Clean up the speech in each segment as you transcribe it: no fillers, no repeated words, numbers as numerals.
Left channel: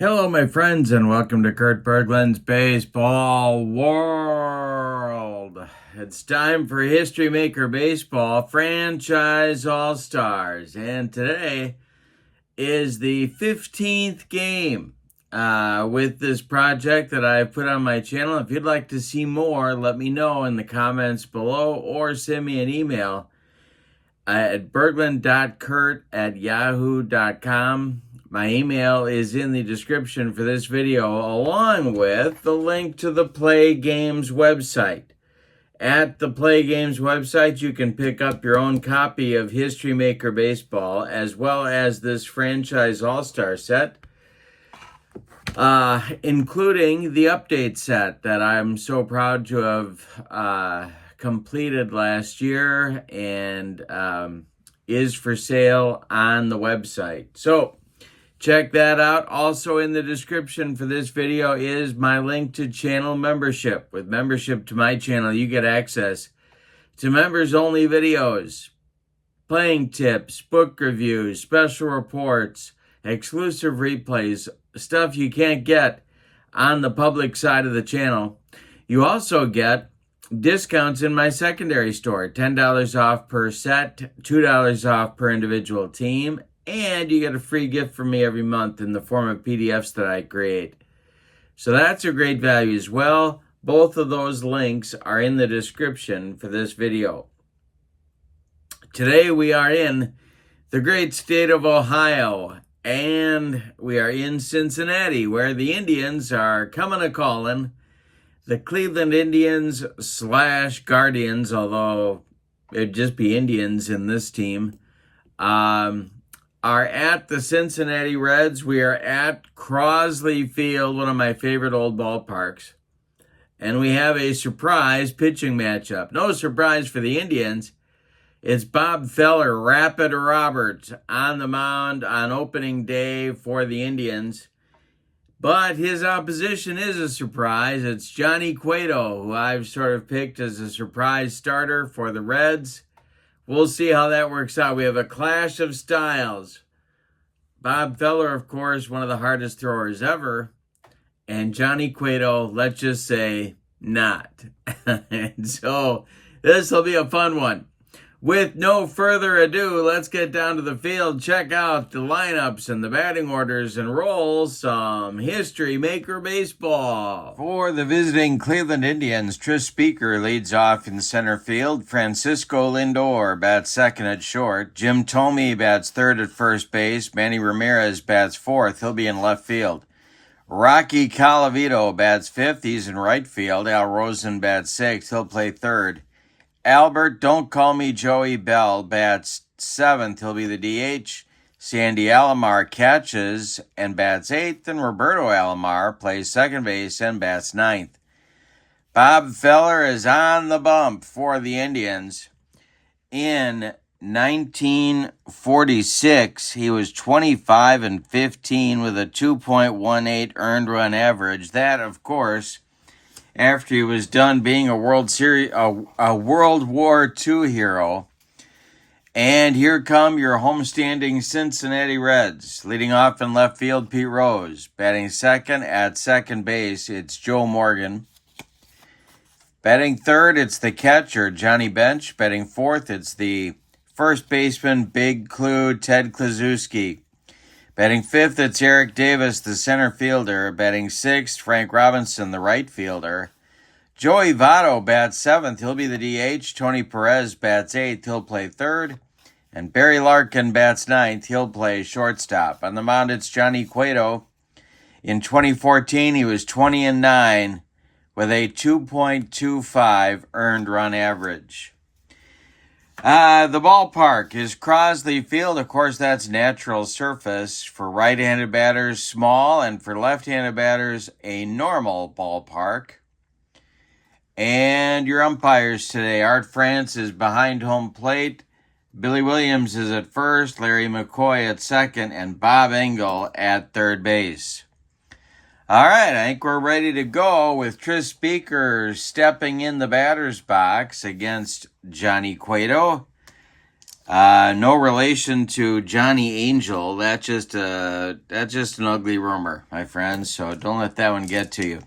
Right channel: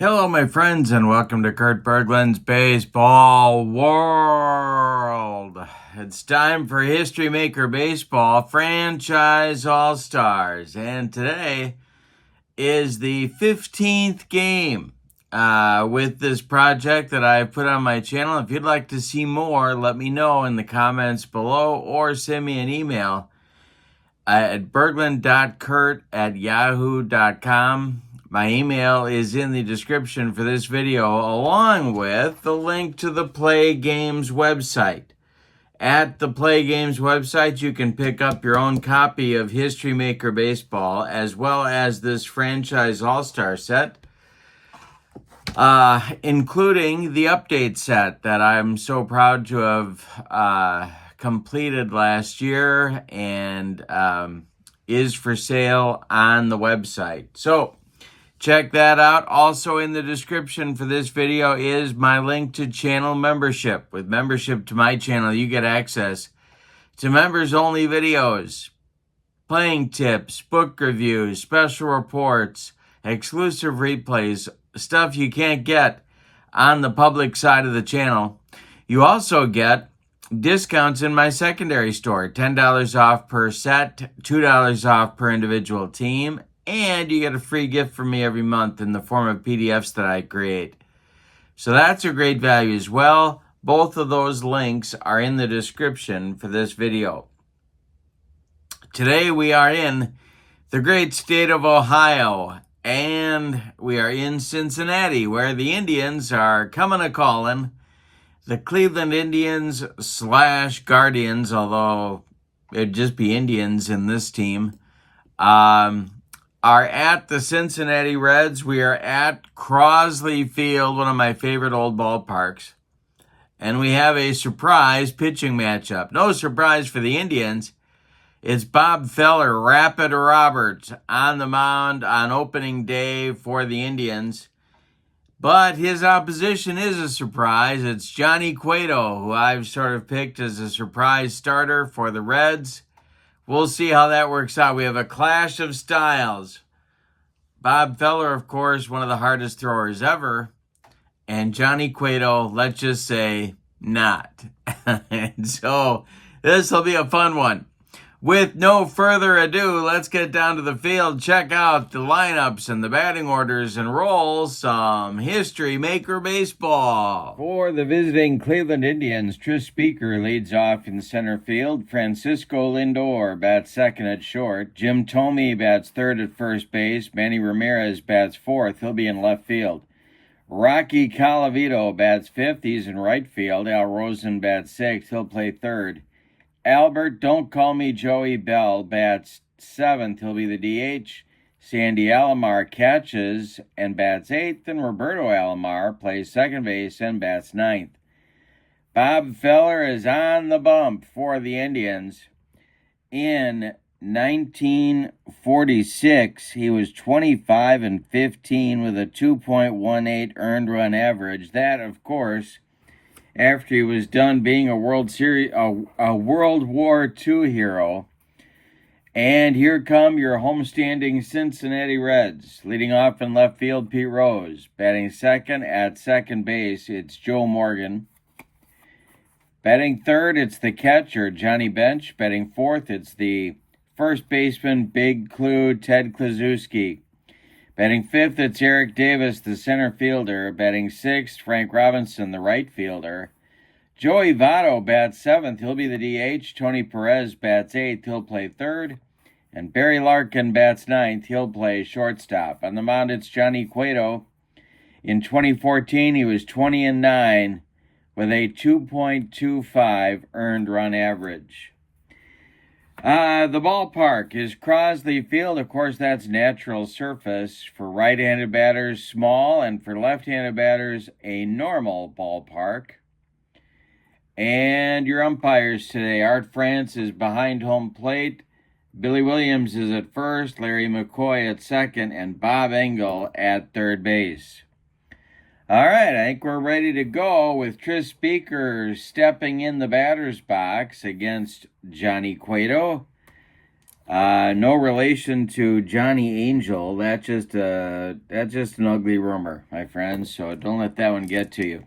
Hello, my friends, and welcome to Kurt Berglund's Baseball World. It's time for History Maker Baseball Franchise All-Stars, and today is the 15th game with this project that I've put on my channel. If you'd like to see more, let me know in the comments below or send me an email at berglund.kurt@yahoo.com. My email is in the description for this video, along with the link to the Play Games website. At the Play Games website, you can pick up your own copy of History Maker Baseball, as well as this Franchise All-Star set, including the update set that I'm so proud to have completed last year and is for sale on the website. So check that out. Also in the description for this video is my link to channel membership. With membership to my channel, you get access to members-only videos, playing tips, book reviews, special reports, exclusive replays, stuff you can't get on the public side of the channel. You also get discounts in my secondary store, $10 off per set, $2 off per individual team, and you get a free gift from me every month in the form of PDFs that I create. So that's a great value as well. Both of those links are in the description for this video. Today we are in the great state of Ohio, and we are in Cincinnati, where the Indians are coming a-calling. The Cleveland Indians / Guardians, although it'd just be Indians in this team, are at the Cincinnati Reds. We are at Crosley Field, one of my favorite old ballparks. And we have a surprise pitching matchup. No surprise for the Indians. It's Bob Feller, Rapid Roberts, on the mound on opening day for the Indians. But his opposition is a surprise. It's Johnny Cueto, who I've sort of picked as a surprise starter for the Reds. We'll see how that works out. We have a clash of styles. Bob Feller, of course, one of the hardest throwers ever. And Johnny Cueto, let's just say, not. And so this will be a fun one. With no further ado, let's get down to the field, check out the lineups and the batting orders, and roll some History Maker Baseball. For the visiting Cleveland Indians, Tris Speaker leads off in center field. Francisco Lindor bats second at short. Jim Thome bats third at first base. Manny Ramirez bats fourth. He'll be in left field. Rocky Colavito bats fifth. He's in right field. Al Rosen bats sixth. He'll play third. Albert Don't Call Me Joey Bell bats seventh. He'll be the DH. Sandy Alomar catches and bats eighth, and Roberto Alomar plays second base and bats ninth. Bob Feller is on the bump for the Indians. In 1946, he was 25-15 with a 2.18 earned run average. That, of course, after he was done being a World War II hero. And here come your homestanding Cincinnati Reds. Leading off in left field, Pete Rose. Batting second at second base, it's Joe Morgan. Batting third, it's the catcher, Johnny Bench. Batting fourth, it's the first baseman, Big Clue, Ted Kluszewski. Batting fifth, it's Eric Davis, the center fielder. Batting sixth, Frank Robinson, the right fielder. Joey Votto bats seventh. He'll be the DH. Tony Perez bats eighth. He'll play third. And Barry Larkin bats ninth. He'll play shortstop. On the mound, it's Johnny Cueto. In 2014, he was 20-9 with a 2.25 earned run average. The ballpark is Crosley Field. Of course, that's natural surface. For right-handed batters, small, and for left-handed batters, a normal ballpark. And your umpires today, Art France is behind home plate. Billy Williams is at first, Larry McCoy at second, and Bob Engel at third base. All right, I think we're ready to go with Tris Speaker stepping in the batter's box against Johnny Cueto. No relation to Johnny Angel. That's just an ugly rumor, my friends. So don't let that one get to you.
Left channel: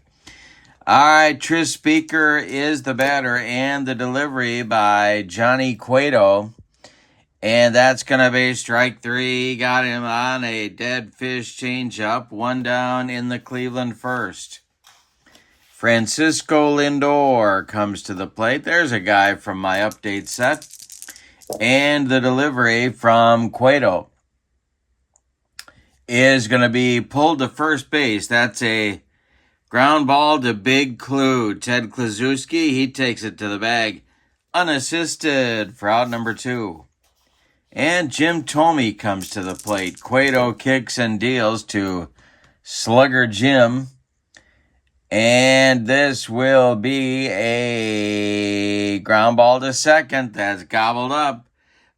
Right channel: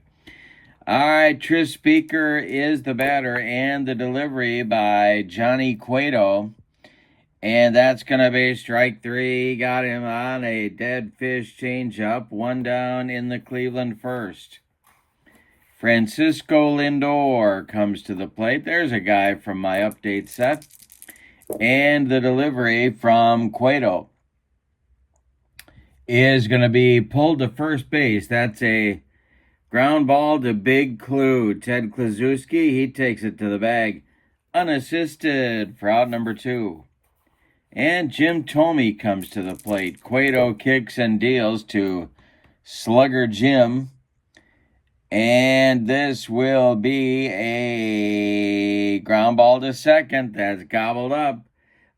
All right, Tris Speaker is the batter and the delivery by Johnny Cueto. And that's going to be strike three. Got him on a dead fish changeup. One down in the Cleveland first. Francisco Lindor comes to the plate. There's a guy from my update set. And the delivery from Cueto is going to be pulled to first base. That's a ground ball to Big Clue. Ted Kluszewski, he takes it to the bag unassisted for out number 2. And Jim Thome comes to the plate. Cueto kicks and deals to Slugger Jim. And this will be a ground ball to second. That's gobbled up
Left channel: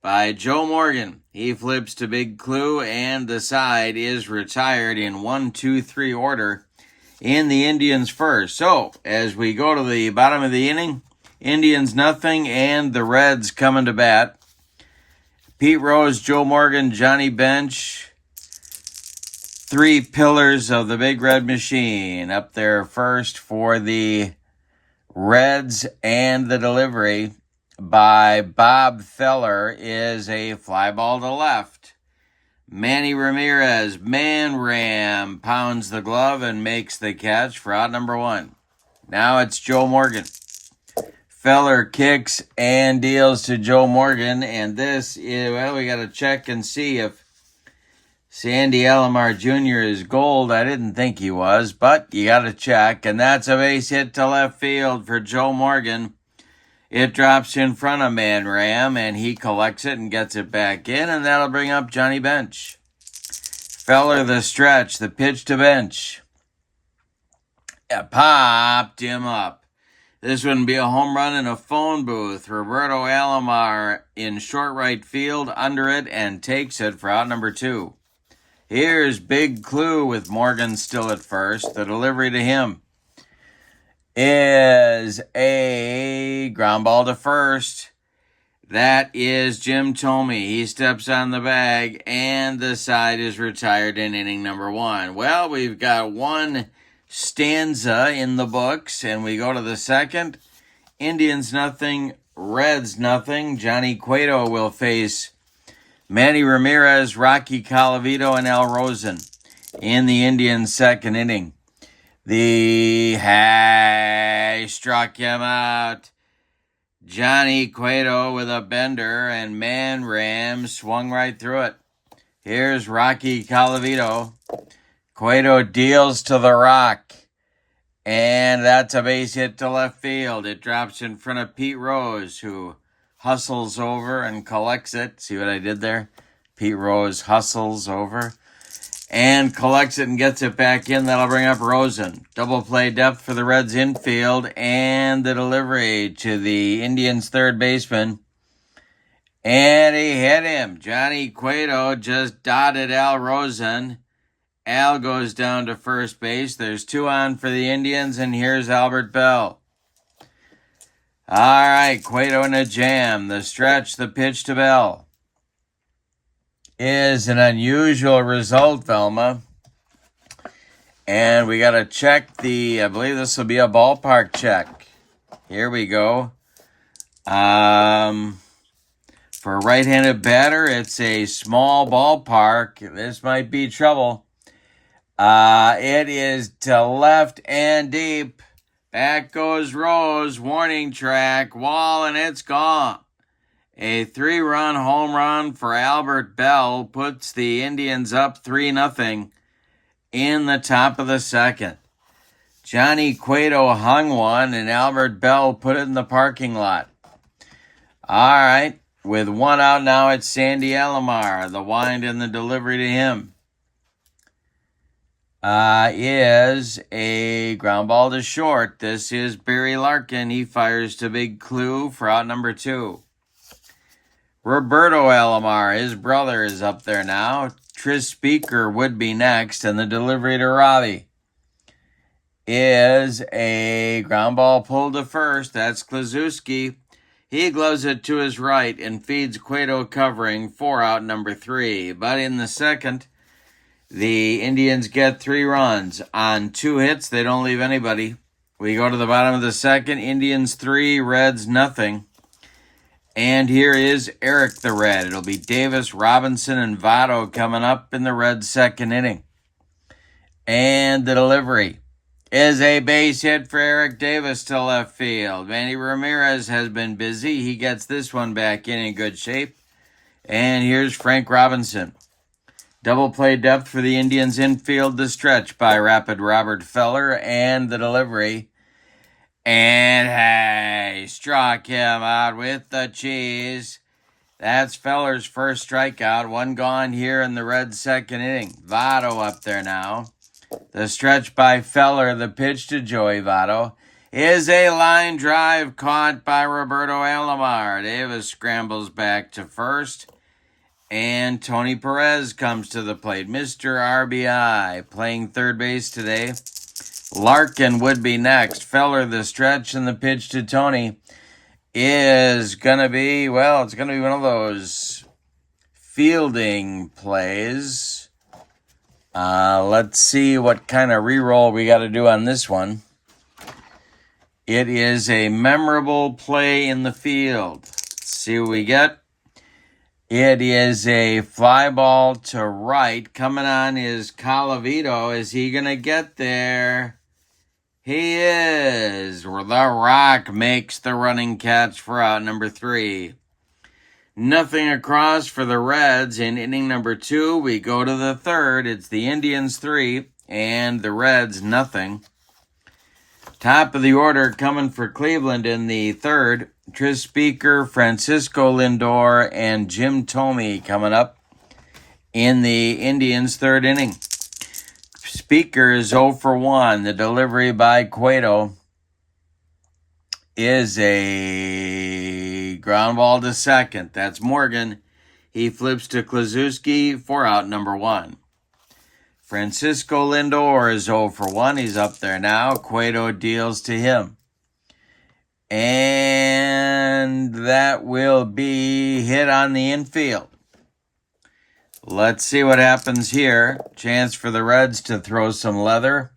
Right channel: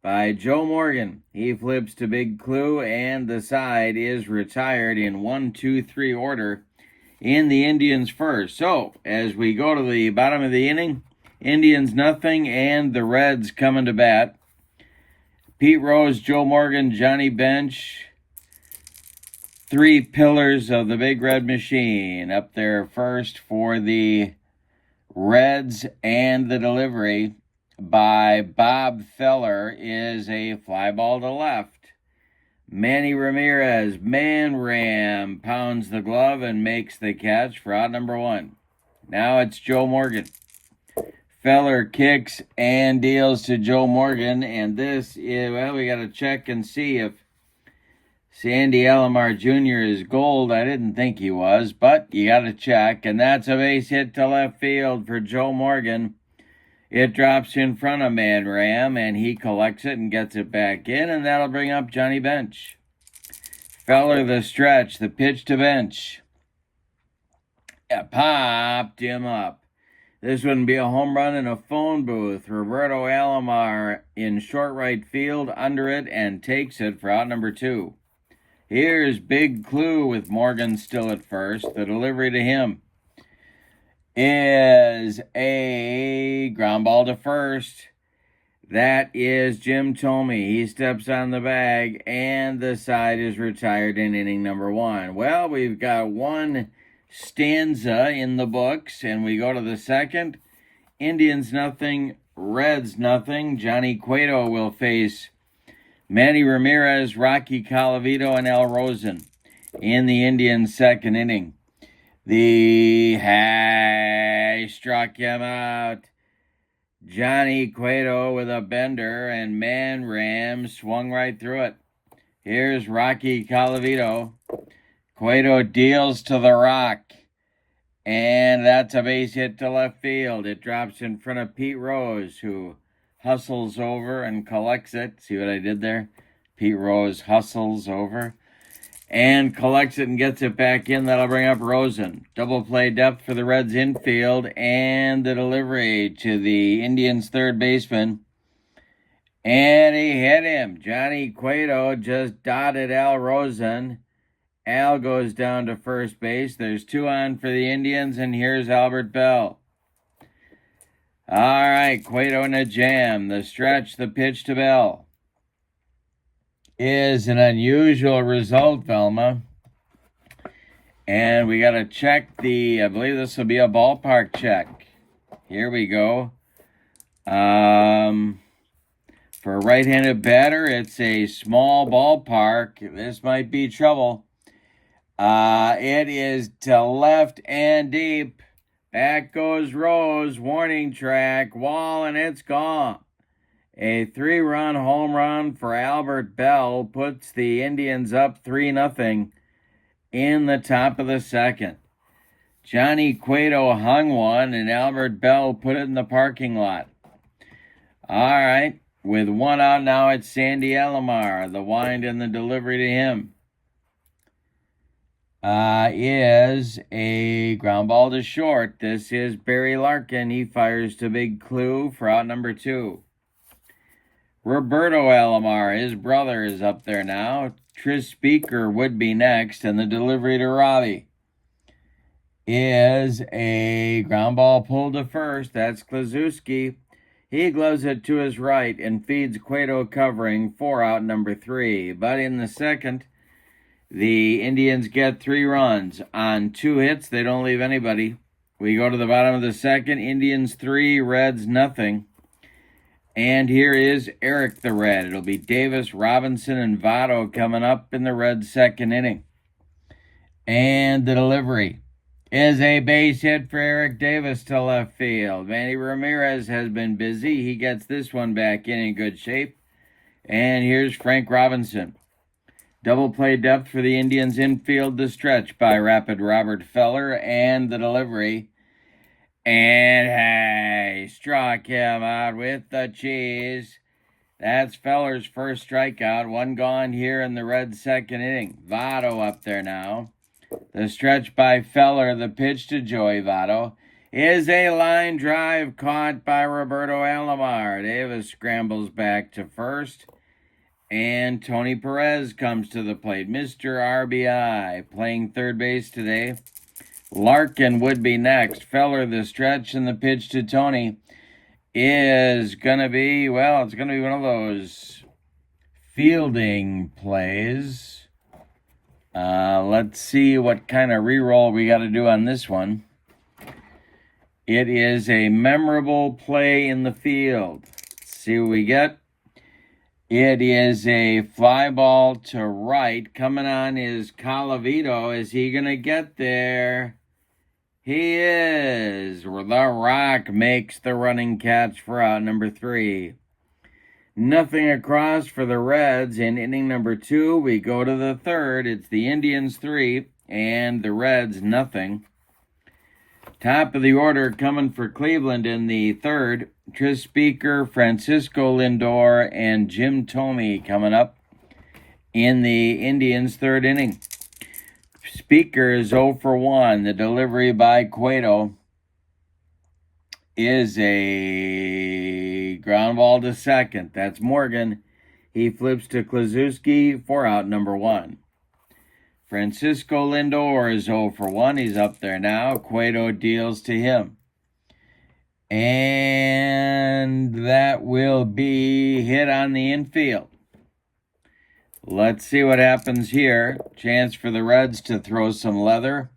by Joe Morgan. He flips to Big Clue, and the side is retired in 1-2-3 order in the Indians first. So, as we go to the bottom of the inning, Indians nothing, and the Reds coming to bat. Pete Rose, Joe Morgan, Johnny Bench, 3 pillars of the Big Red Machine. Up there first for the Reds, and the delivery by Bob Feller is a fly ball to left. Manny Ramirez, Man Ram, pounds the glove and makes the catch for out number 1. Now it's Joe Morgan. Feller kicks and deals to Joe Morgan, and this is, well, we got to check and see if Sandy Alomar Jr. is gold. I didn't think he was, but you got to check, and that's a base hit to left field for Joe Morgan. It drops in front of Man Ram, and he collects it and gets it back in, and that'll bring up Johnny Bench. Feller the stretch, the pitch to Bench. It popped him up. This wouldn't be a home run in a phone booth. Roberto Alomar in short right field under it and takes it for out number 2. Here's Big Clue with Morgan still at first. The delivery to him is a ground ball to first. That is Jim Thome. He steps on the bag, and the side is retired in inning number 1. Well, we've got one stanza in the books, and we go to the second. Indians nothing, Reds nothing. Johnny Cueto will face Manny Ramirez, Rocky Colavito, and Al Rosen in the Indians' second inning. The high struck him out. Johnny Cueto with a bender, and Man Ram swung right through it. Here's Rocky Colavito. Cueto deals to the rock, and that's a base hit to left field. It drops in front of Pete Rose, who hustles over and collects it. See what I did there? Pete Rose hustles over and collects it and gets it back in. That'll bring up Rosen. Double play depth for the Reds infield, and the delivery to the Indians' third baseman. And he hit him. Johnny Cueto just dotted Al Rosen. Al goes down to first base. There's 2 on for the Indians, and here's Albert Bell. All right, Cueto in a jam. The stretch, the pitch to Bell is an unusual result, Velma. And we got to check I believe this will be a ballpark check. Here we go. For a right-handed batter, it's a small ballpark. This might be trouble. It is to left and deep. Back goes Rose, warning track, wall, and it's gone. A 3-run home run for Albert Bell puts the Indians up 3-0 in the top of the second. Johnny Cueto hung one, and Albert Bell put it in the parking lot. All right, with 1 out now, it's Sandy Alomar. The wind and the delivery to him is a ground ball to short. This is Barry Larkin. He fires to Big Clue for out number 2. Roberto Alomar, his brother, is up there now. Tris Speaker would be next, and the delivery to Robbie is a ground ball pulled to first. That's Kluszewski. He gloves it to his right and feeds Cueto covering 4 out number 3. But in the second, the Indians get 3 runs. On 2 hits, they don't leave anybody. We go to the bottom of the second. Indians 3, Reds nothing. And here is Eric the Red. It'll be Davis, Robinson, and Votto coming up in the Reds' second inning. And the delivery is a base hit for Eric Davis to left field. Manny Ramirez has been busy. He gets this one back in good shape. And here's Frank Robinson. Double play depth for the Indians infield to stretch by rapid Robert Feller, and the delivery. And hey, struck him out with the cheese. That's Feller's first strikeout. 1 gone here in the Reds' second inning. Votto up there now. The stretch by Feller, the pitch to Joey Votto, is a line drive caught by Roberto Alomar. Davis scrambles back to first. And Tony Perez comes to the plate. Mr. RBI playing third base today. Larkin would be next. Feller, the stretch, and the pitch to Tony is going to be, well, it's going to be one of those fielding plays. Let's see what kind of re-roll we got to do on this one. It is a memorable play in the field. Let's see what we get. It is a fly ball to right. Coming on is Colavito. Is he going to get there? He is. The Rock makes the running catch for out number 3. Nothing across for the Reds in inning number 2. We go to the third. It's the Indians 3 and the Reds nothing. Top of the order coming for Cleveland in the third. Tris Speaker, Francisco Lindor, and Jim Thome coming up in the Indians' third inning. Speaker is 0 for 1. The delivery by Cueto is a ground ball to second. That's Morgan. He flips to Kluszewski for out number 1. Francisco Lindor is 0 for 1. He's up there now. Cueto deals to him. And that will be hit on the infield. Let's see what happens here. Chance for the Reds to throw some leather.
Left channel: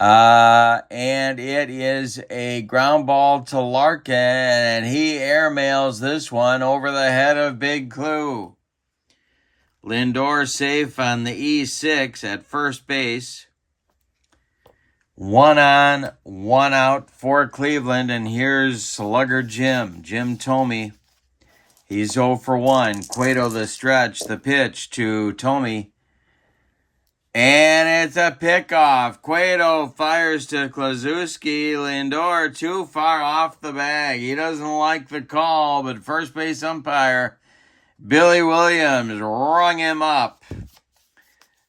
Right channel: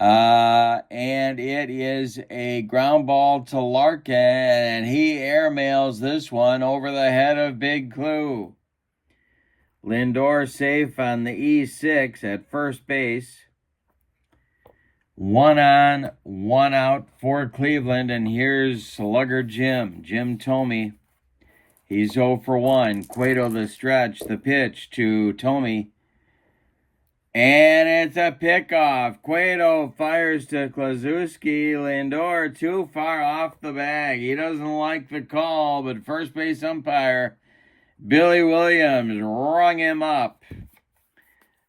And it is a ground ball to Larkin, and he airmails this one over the head of Big Clue. Lindor safe on the E6 at first base. 1 on, 1 out for Cleveland, and here's Slugger Jim Thome. He's 0 for 1. Cueto the stretch, the pitch to Thome. And it's a pickoff. Cueto fires to Kluszewski. Lindor too far off the bag. He doesn't like the call, but first base umpire Billy Williams rung him up.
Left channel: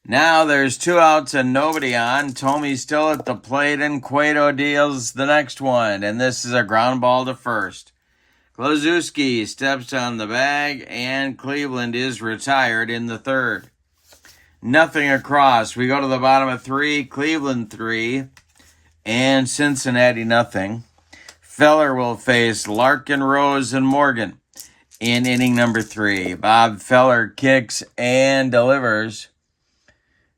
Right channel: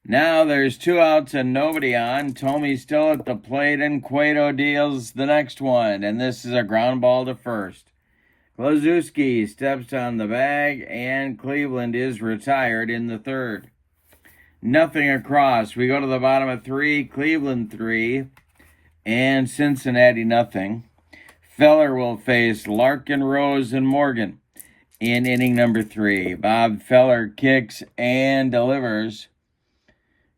Now there's 2 outs and nobody on. Thome's still at the plate, and Cueto deals the next one. And this is a ground ball to first. Kluszewski steps on the bag, and Cleveland is retired in the third. Nothing across. We go to the bottom of 3. Cleveland 3 and Cincinnati nothing. Feller will face Larkin, Rose, and Morgan in inning number 3. Bob Feller kicks and delivers.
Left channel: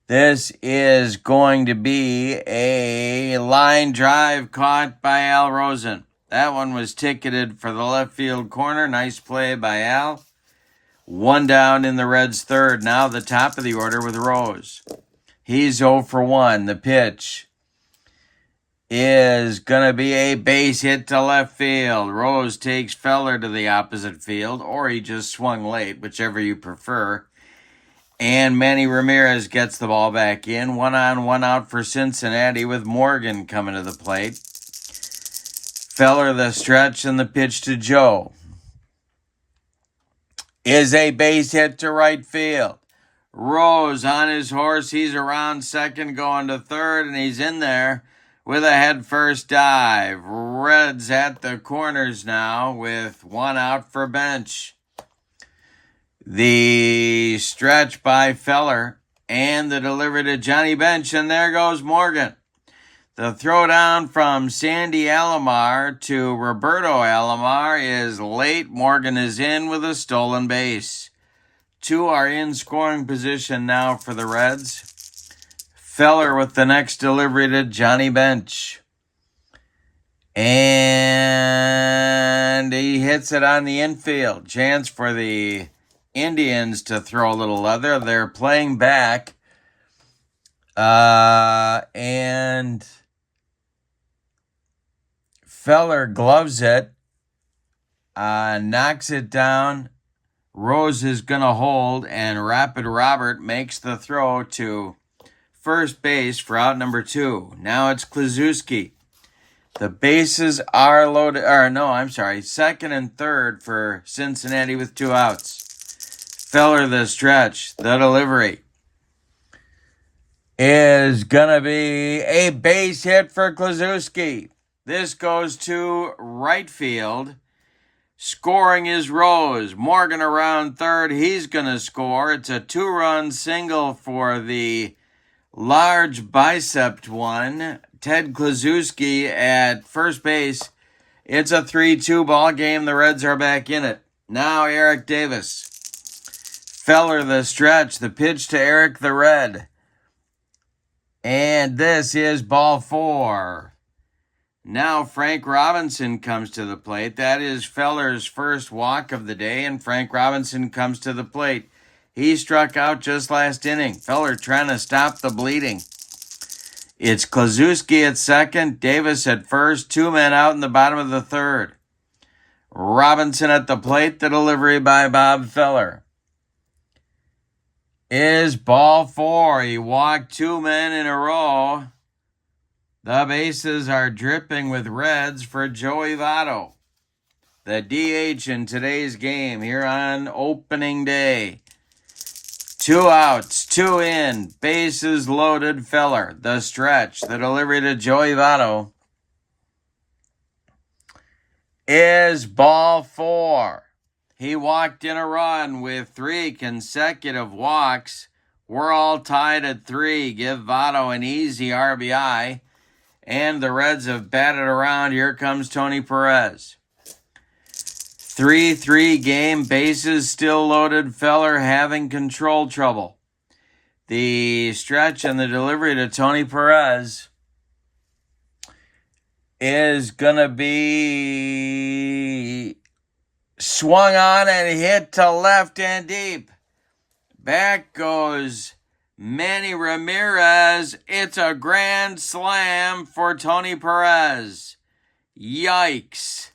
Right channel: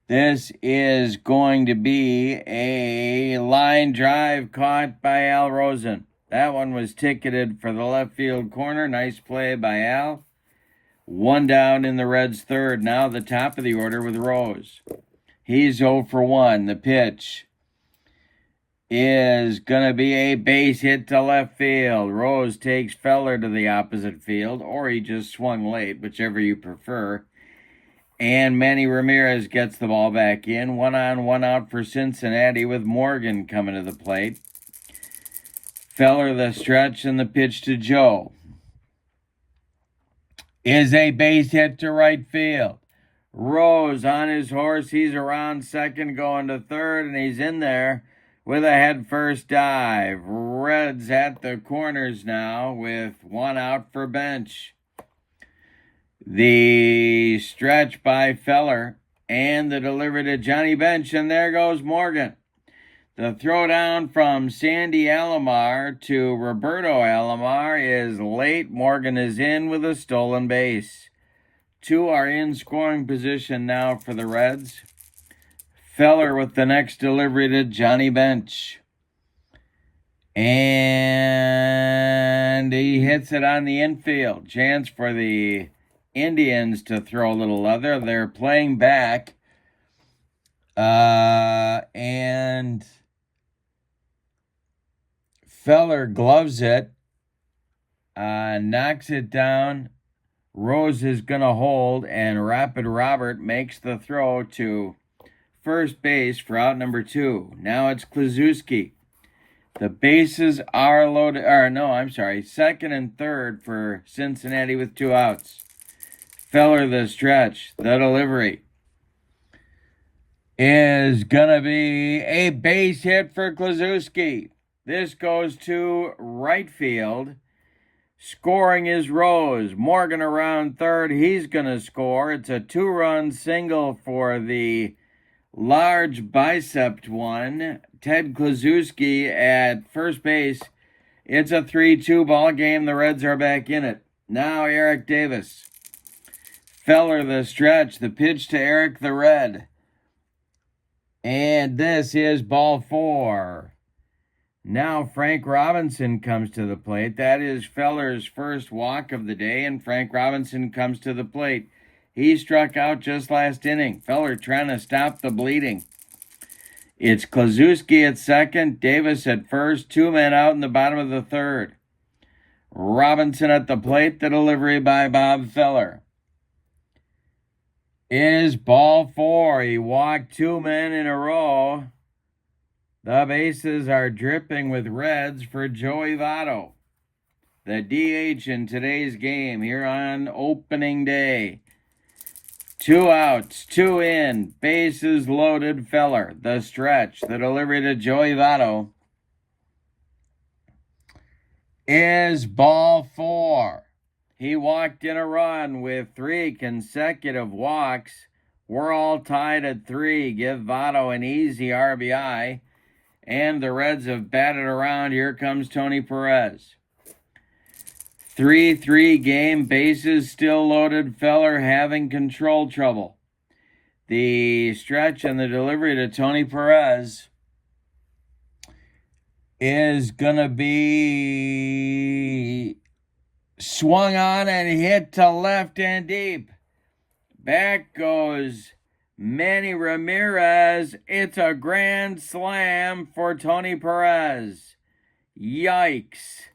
This is going to be a line drive caught by Al Rosen. That one was ticketed for the left field corner. Nice play by Al. 1 down in the Reds' third. Now the top of the order with Rose. He's 0 for 1. The pitch is going to be a base hit to left field. Rose takes Feller to the opposite field, or he just swung late, whichever you prefer. And Manny Ramirez gets the ball back in. 1 on, 1 out for Cincinnati with Morgan coming to the plate. Feller the stretch, and the pitch to Joe is a base hit to right field. Rose on his horse. He's around second going to third, and he's in there with a head-first dive. Reds at the corners now with 1 out for bench. The stretch by Feller and the delivery to Johnny Bench, and there goes Morgan. The throwdown from Sandy Alomar to Roberto Alomar is late. Morgan is in with a stolen base. 2 are in scoring position now for the Reds. Feller with the next delivery to Johnny Bench. And he hits it on the infield. Chance for the Indians to throw a little leather. They're playing back. And Feller gloves it. Knocks it down. Rose is going to hold. And Rapid Robert makes the throw to first base for out number 2. Now it's Kluszewski. The bases are loaded. Second and third for Cincinnati with 2 outs. Feller the stretch. The delivery is going to be a base hit for Kluszewski. This goes to right field. Scoring is Rose. Morgan around third. He's going to score. It's a 2-run single for the large bicepped one, Ted Kluszewski at first base. It's a 3-2 ball game. The Reds are back in it. Now Eric Davis. Feller the stretch. The pitch to Eric the Red. And this is ball 4. Now Frank Robinson comes to the plate. That is Feller's first walk of the day, and Frank Robinson comes to the plate. He struck out just last inning. Feller trying to stop the bleeding. It's Kluszewski at second, Davis at first, 2 men out in the bottom of the third. Robinson at the plate, the delivery by Bob Feller is ball 4. He walked 2 men in a row. The bases are dripping with Reds for Joey Votto, the DH in today's game here on opening day. 2 outs, 2 in, bases loaded. Feller, the stretch, the delivery to Joey Votto is ball 4. He walked in a run with 3 consecutive walks. We're all tied at 3. Give Votto an easy RBI. And the Reds have batted around. Here comes Tony Perez. 3-3 game, bases still loaded. Feller having control trouble. The stretch and the delivery to Tony Perez is going to be swung on and hit to left and deep. Back goes Manny Ramirez. It's a grand slam for Tony Perez. Yikes.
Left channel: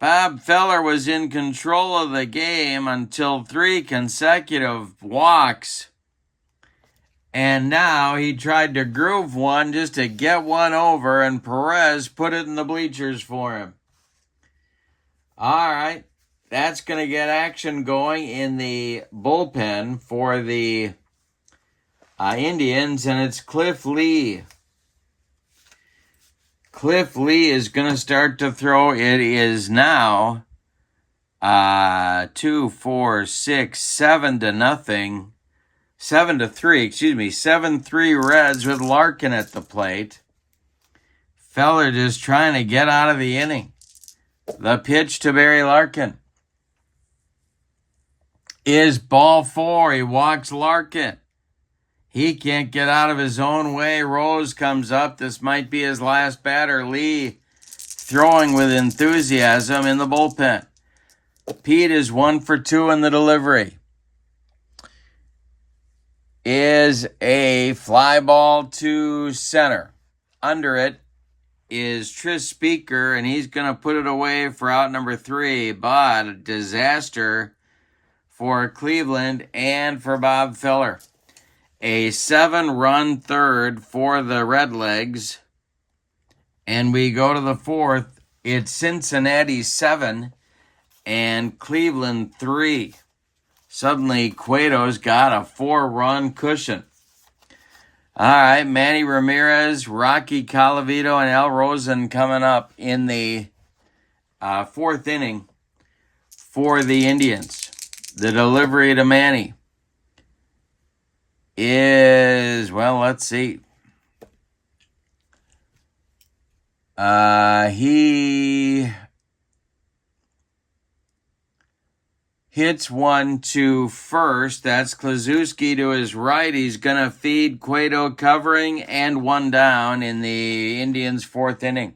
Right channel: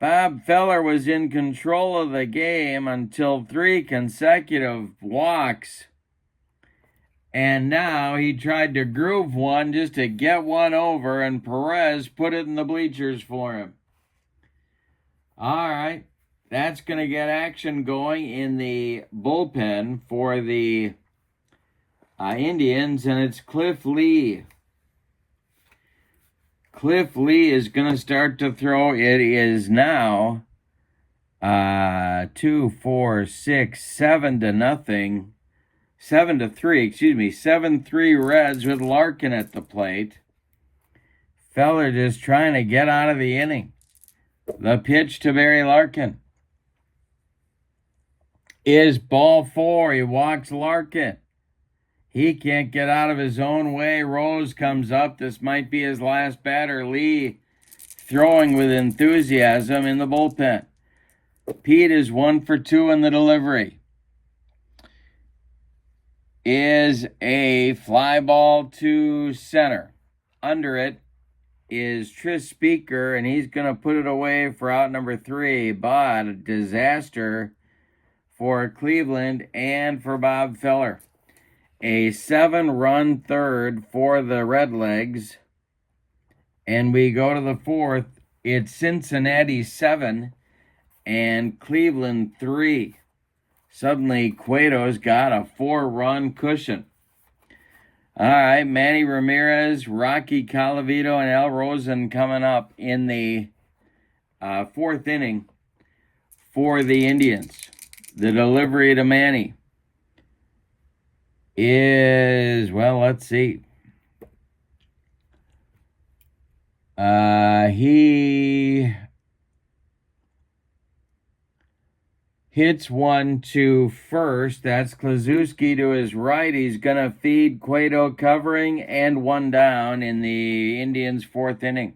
Bob Feller was in control of the game until 3 consecutive walks. And now he tried to groove one just to get one over, and Perez put it in the bleachers for him. All right. That's going to get action going in the bullpen for the Indians, and it's Cliff Lee. Cliff Lee is going to start to throw. It is now 2, 4, 6, 7 to nothing. 7-3, 7-3 Reds with Larkin at the plate. Feller just trying to get out of the inning. The pitch to Barry Larkin is ball 4. He walks Larkin. He can't get out of his own way. Rose comes up. This might be his last batter. Lee throwing with enthusiasm in the bullpen. Pete is 1 for 2 in the delivery. Is a fly ball to center. Under it is Tris Speaker, and he's going to put it away for out number 3. But a disaster for Cleveland and for Bob Feller. A 7-run third for the Redlegs. And we go to the 4th. It's Cincinnati 7 and Cleveland 3. Suddenly, Cueto's got a 4-run cushion. All right, Manny Ramirez, Rocky Colavito, and Al Rosen coming up in the 4th inning for the Indians. The delivery to Manny is, well, let's see. He hits one to first. That's Kluszewski to his right. He's going to feed Cueto covering and one down in the Indians' fourth inning.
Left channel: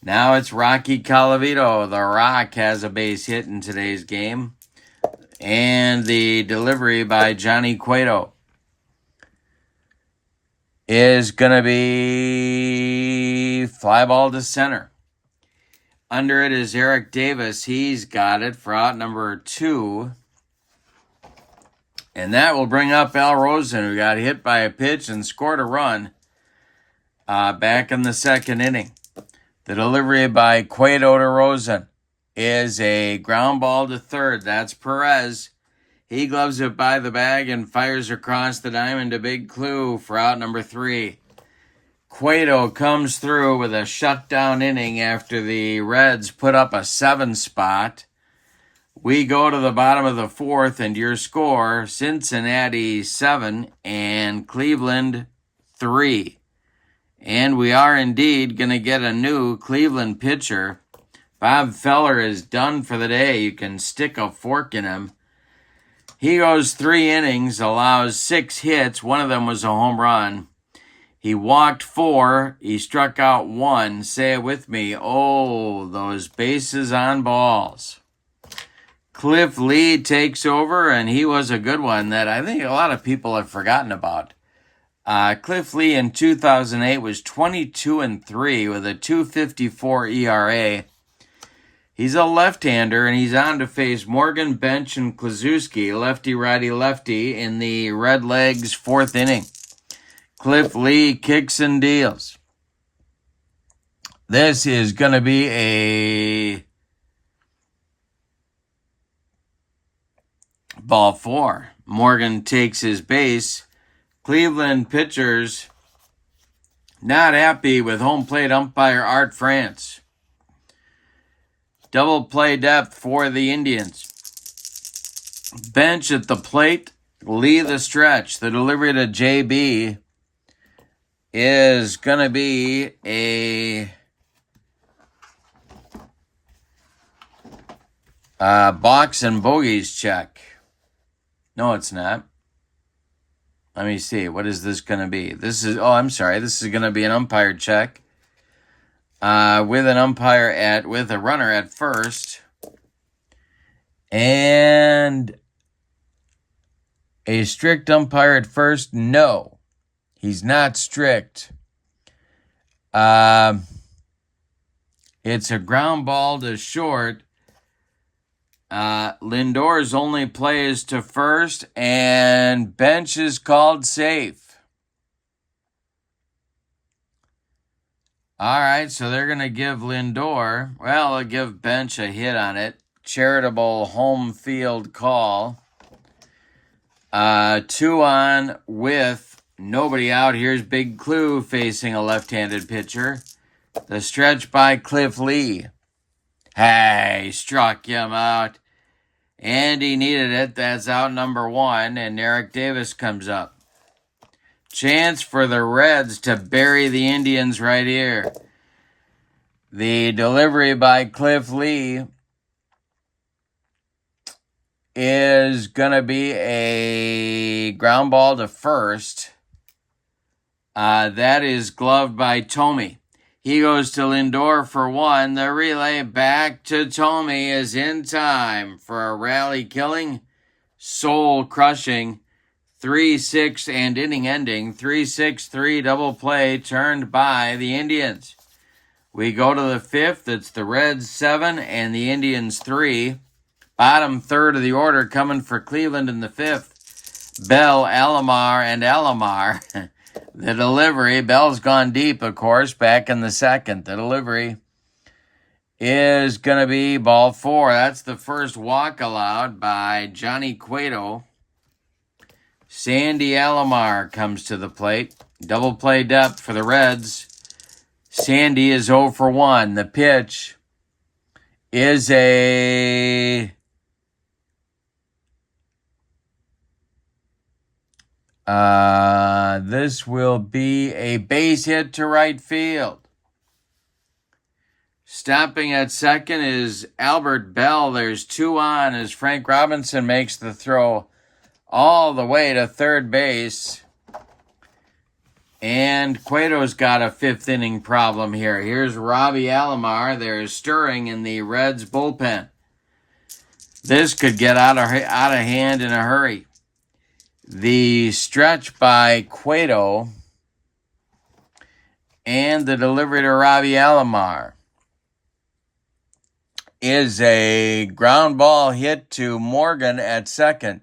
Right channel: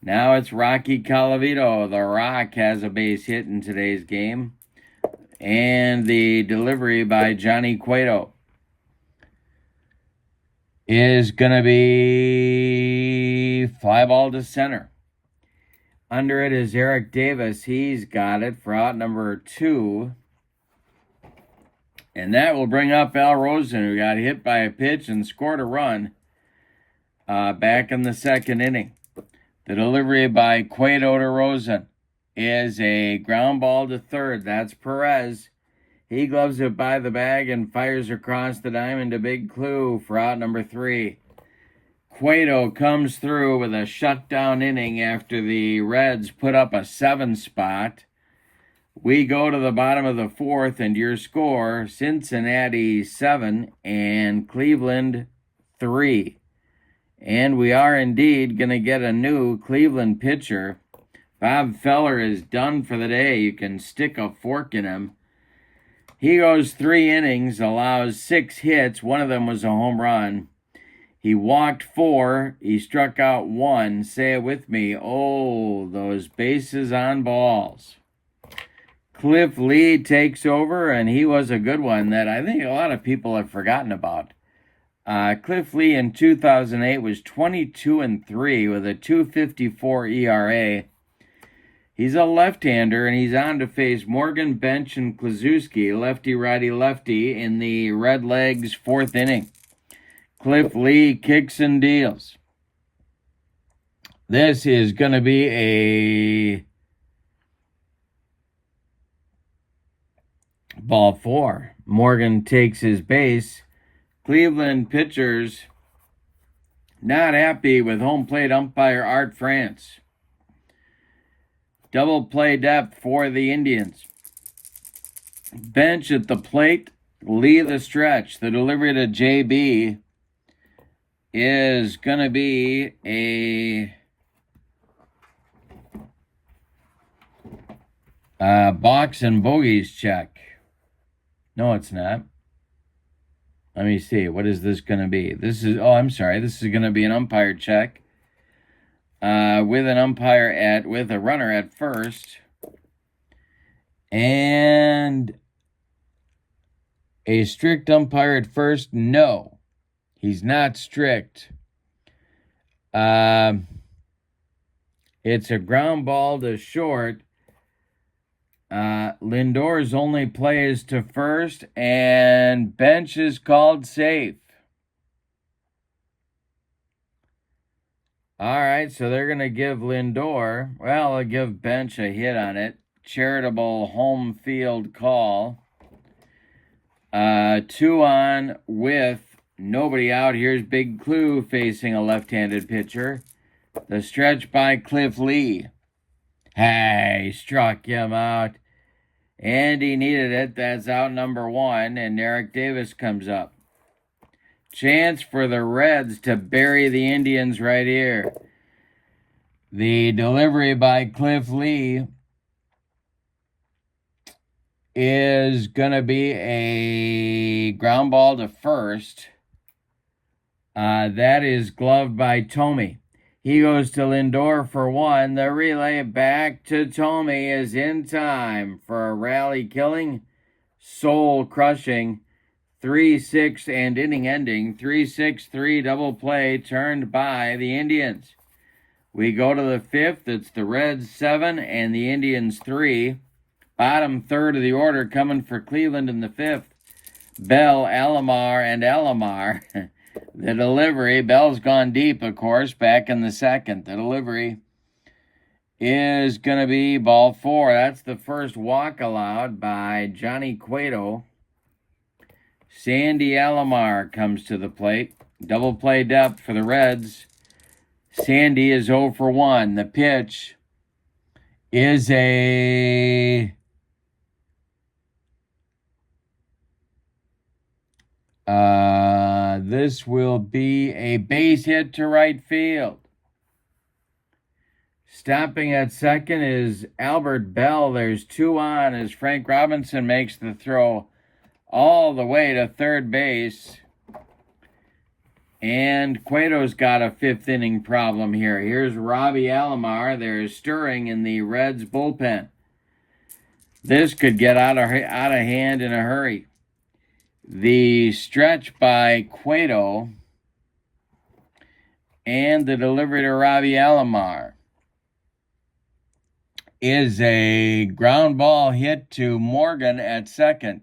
Now it's Rocky Colavito. The Rock has a base hit in today's game. And the delivery by Johnny Cueto is going to be fly ball to center. Under it is Eric Davis. He's got it for out number 2. And that will bring up Al Rosen, who got hit by a pitch and scored a run back in the second inning. The delivery by Cueto to Rosen is a ground ball to third. That's Perez. He gloves it by the bag and fires across the diamond to Big Clue for out number 3. Cueto comes through with a shutdown inning after the Reds put up a 7 spot. We go to the bottom of the fourth, and your score, Cincinnati 7 and Cleveland 3. And we are indeed going to get a new Cleveland pitcher. Bob Feller is done for the day. You can stick a fork in him. He goes 3 innings, allows 6 hits. One of them was a home run. He walked 4. He struck out 1. Say it with me. Oh, those bases on balls. Cliff Lee takes over, and he was a good one that I think a lot of people have forgotten about. Cliff Lee in 2008 was 22-3 with a 2.54 ERA. He's a left-hander, and he's on to face Morgan, Bench, and Kluszewski, lefty, righty, lefty, in the Red Legs' fourth inning. Cliff Lee kicks and deals. This is going to be a ball 4. Morgan takes his base. Cleveland pitchers not happy with home plate umpire Art France. Double play depth for the Indians. Bench at the plate. Lee the stretch. The delivery to JB is going to be a box and bogeys check. No, it's not. Let me see. What is this going to be? This is going to be an umpire check. With an umpire with a runner at first. And a strict umpire at first? No. He's not strict. It's a ground ball to short. Lindor's only play is to first, and Bench is called safe. All right, so they're going to give Lindor, they'll give Bench a hit on it. Charitable home field call. 2 on with nobody out. Here's Big Clue facing a left-handed pitcher. The stretch by Cliff Lee. Hey, struck him out. And he needed it. That's out number 1. And Eric Davis comes up. Chance for the Reds to bury the Indians right here. The delivery by Cliff Lee is going to be a ground ball to first. That is gloved by Tomey. He goes to Lindor for 1. The relay back to Tomey is in time for a rally-killing, soul-crushing 3-6 and inning-ending 3-6-3 double play turned by the Indians. We go to the 5th. It's the Reds 7 and the Indians 3. Bottom third of the order coming for Cleveland in the 5th. Bell, Alomar, and Alomar. The delivery, Bell's gone deep, of course, back in the 2nd. The delivery is going to be ball 4. That's the first walk allowed by Johnny Cueto. Sandy Alomar comes to the plate. Double play depth for the Reds. Sandy is 0 for 1. The pitch is this will be a base hit to right field. Stopping at second is Albert Bell. There's 2 on as Frank Robinson makes the throw all the way to third base. And Cueto's got a 5th inning problem here. Here's Robbie Alomar. There's stirring in the Reds bullpen. This could get out of hand in a hurry. The stretch by Cueto and the delivery to Robbie Alomar is a ground ball hit to Morgan at second.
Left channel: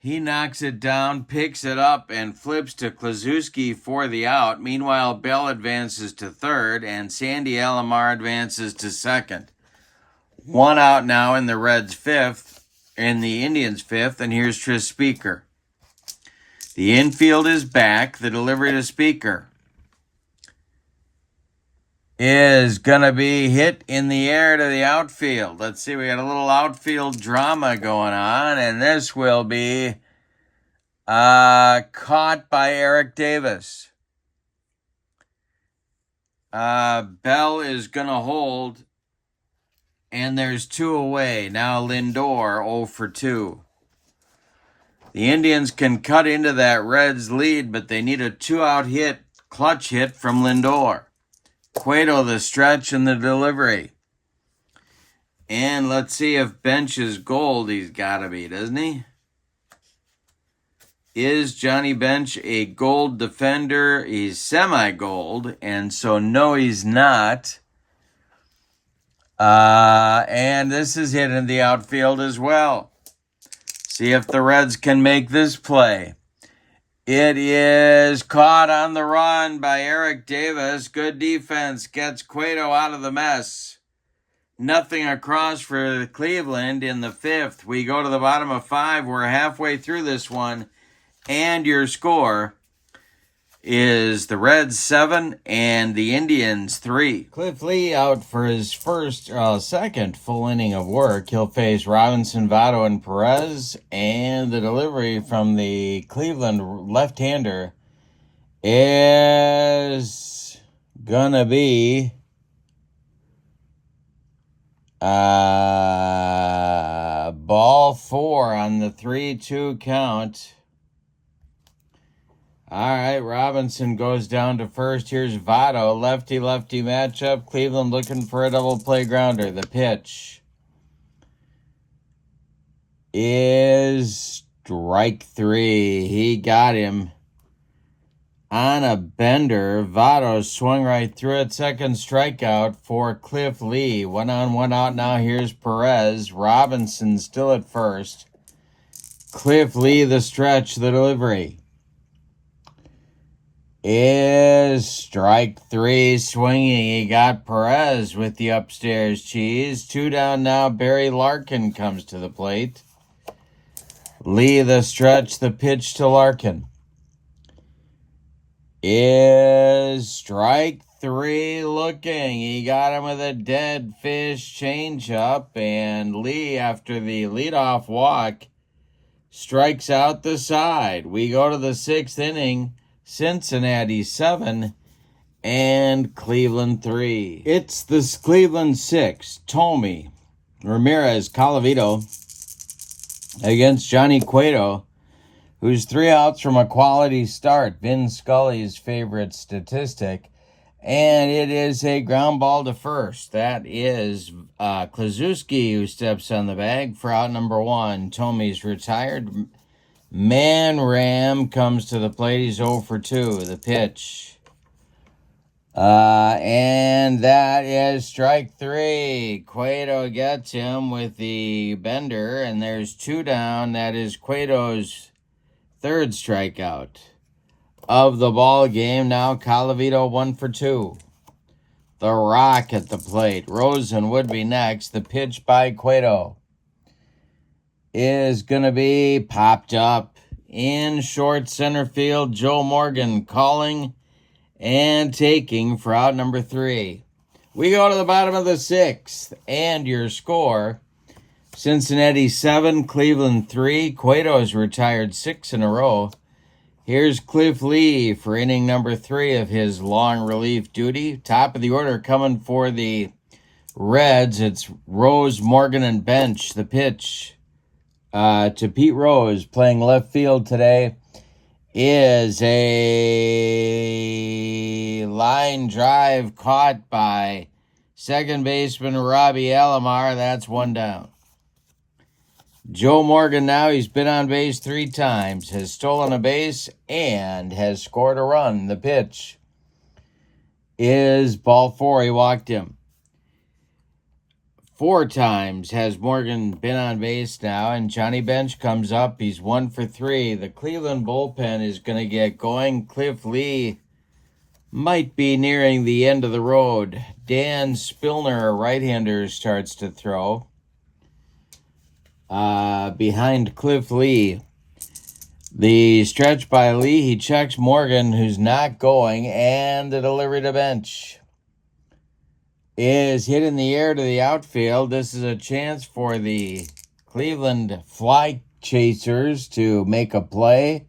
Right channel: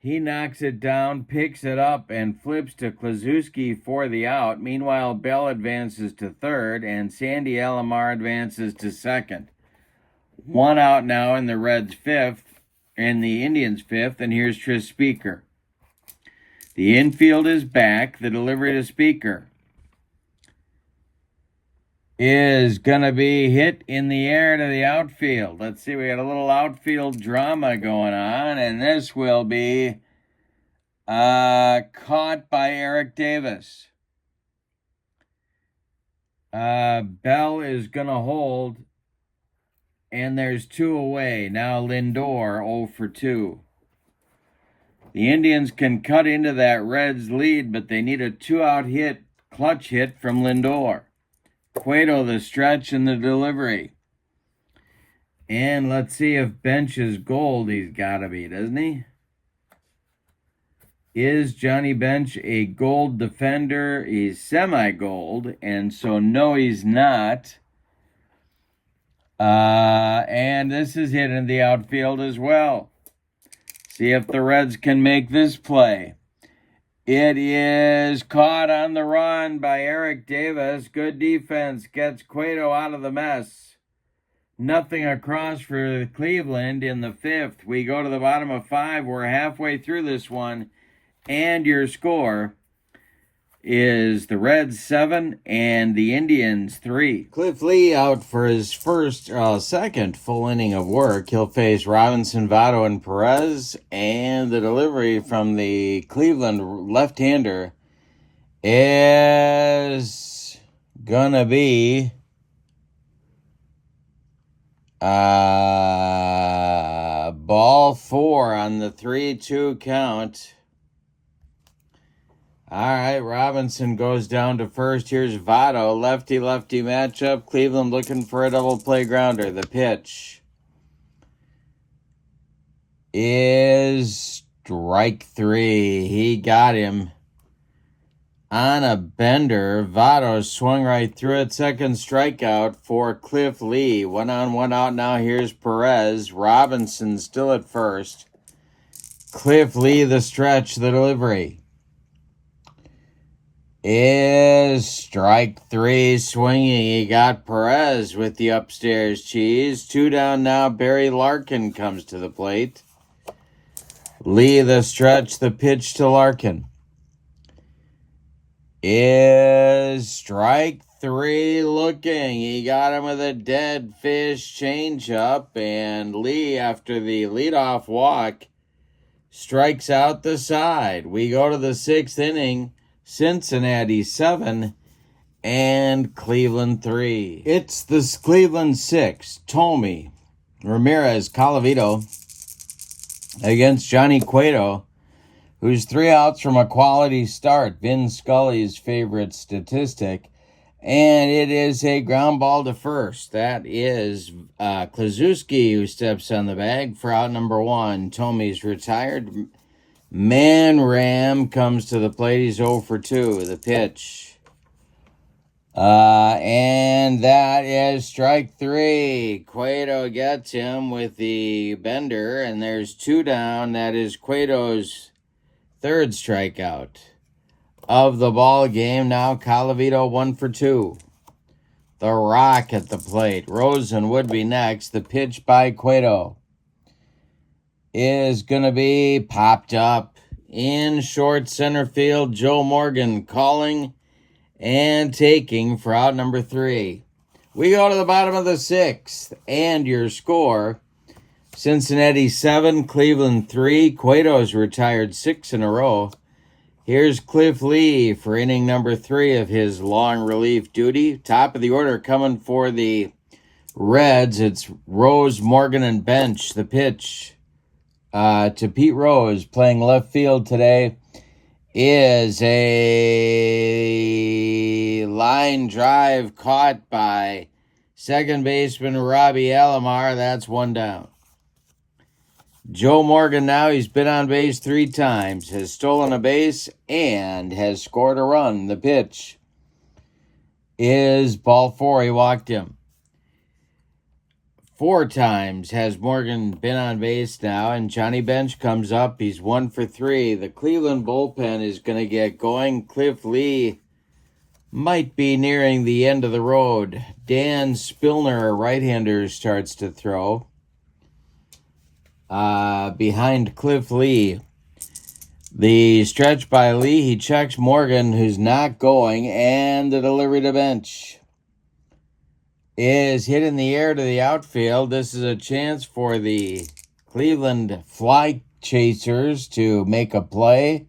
He knocks it down, picks it up, and flips to Kluszewski for the out. Meanwhile, Bell advances to third, and Sandy Alomar advances to second. 1 out now in the Reds' 5th, in the Indians' 5th, and here's Tris Speaker. The infield is back. The delivery to Speaker is going to be hit in the air to the outfield. Let's see, we got a little outfield drama going on, and this will be caught by Eric Davis. Bell is going to hold, and there's 2 away. Now Lindor 0 for 2. The Indians can cut into that Reds lead, but they need a 2-out hit, clutch hit from Lindor. Cueto the stretch and the delivery. And let's see if Bench is gold. He's got to be, doesn't he? Is Johnny Bench a gold defender? He's semi-gold, and so no, he's not. And this is hit in the outfield as well. See if the Reds can make this play. It is caught on the run by Eric Davis. Good defense. Gets Cueto out of the mess. Nothing across for Cleveland in the 5th. We go to the bottom of 5. We're halfway through this one. And your score is the Reds 7 and the Indians 3. Cliff Lee out for his second full inning of work. He'll face Robinson, Votto, and Perez. And the delivery from the Cleveland left-hander is gonna be ball 4 on the 3-2 count. All right, Robinson goes down to first. Here's Votto. Lefty-lefty matchup. Cleveland looking for a double play grounder. The pitch is strike 3. He got him on a bender. Votto swung right through it. Second strikeout for Cliff Lee. 1 on, 1 out now. Here's Perez. Robinson still at first. Cliff Lee, the stretch, the delivery is strike 3. Swinging. He got Perez with the upstairs cheese. 2 down now. Barry Larkin comes to the plate. Lee, the stretch, the pitch to Larkin is strike 3 looking. He got him with a dead fish changeup, and Lee, after the leadoff walk, strikes out the side. We go to the 6th inning. Cincinnati 7 and Cleveland 3. It's the Cleveland 6. Tommy Ramirez Colavito against Johnny Cueto, who's 3 outs from a quality start. Vin Scully's favorite statistic. And it is a ground ball to first. That is Kluszewski who steps on the bag for out number 1. Tommy's retired. Man Ram comes to the plate. He's 0 for 2. The pitch. And that is strike 3. Cueto gets him with the bender, and there's 2 down. That is Cueto's 3rd strikeout of the ball game. Now Colavito 1 for 2. The Rock at the plate. Rosen would be next. The pitch by Cueto is going to be popped up in short center field. Joe Morgan calling and taking for out number 3. We go to the bottom of the 6th, and your score, Cincinnati 7, Cleveland 3. Cueto's retired 6 in a row. Here's Cliff Lee for inning number 3 of his long relief duty. Top of the order coming for the Reds. It's Rose, Morgan, and Bench. The pitch to Pete Rose, playing left field today, is a line drive caught by second baseman Robbie Alomar. That's 1 down. Joe Morgan now, he's been on base 3 times, has stolen a base, and has scored a run. The pitch is ball 4. He walked him. 4 times has Morgan been on base now, and Johnny Bench comes up. He's 1 for 3. The Cleveland bullpen is going to get going. Cliff Lee might be nearing the end of the road. Dan Spillner, a right-hander, starts to throw behind Cliff Lee. The stretch by Lee, he checks Morgan, who's not going, and the delivery to Bench is hit in the air to the outfield. This is a chance for the Cleveland Fly Chasers to make a play,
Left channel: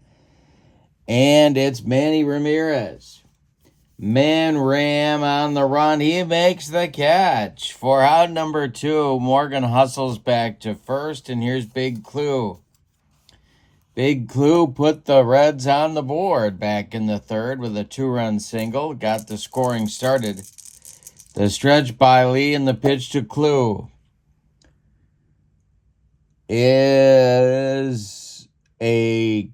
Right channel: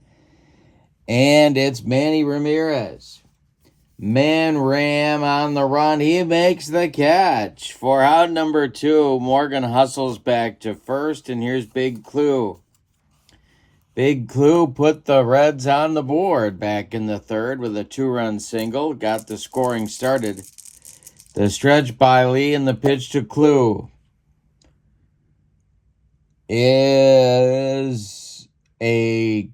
and it's Manny Ramirez. Man Ram on the run. He makes the catch. For out number 2, Morgan hustles back to first, and here's Big Clue. Big Clue put the Reds on the board back in the 3rd with a 2-run single. Got the scoring started. The stretch by Lee and the pitch to Clue is a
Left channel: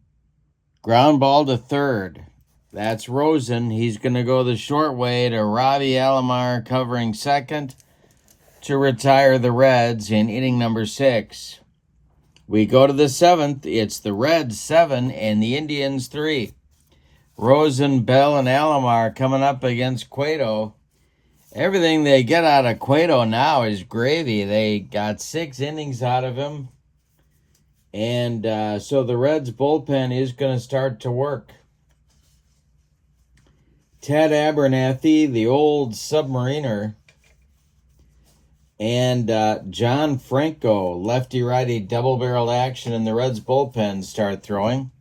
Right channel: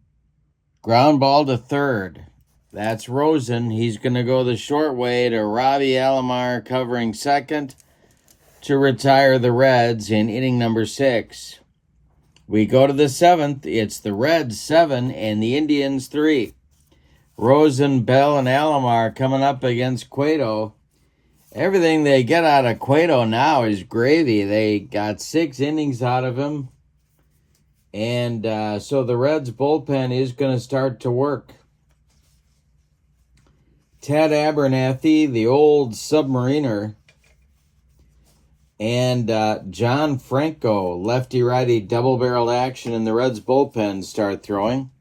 ground ball to 3rd. That's Rosen. He's going to go the short way to Robbie Alomar covering 2nd to retire the Reds in inning number 6. We go to the 7th. It's the Reds 7 and the Indians 3. Rosen, Bell, and Alomar coming up against Cueto. Everything they get out of Cueto now is gravy. They got 6 innings out of him. And so the Reds bullpen is going to start to work. Ted Abernathy, the old submariner, and John Franco, lefty-righty double-barreled action in the Reds bullpen, start throwing.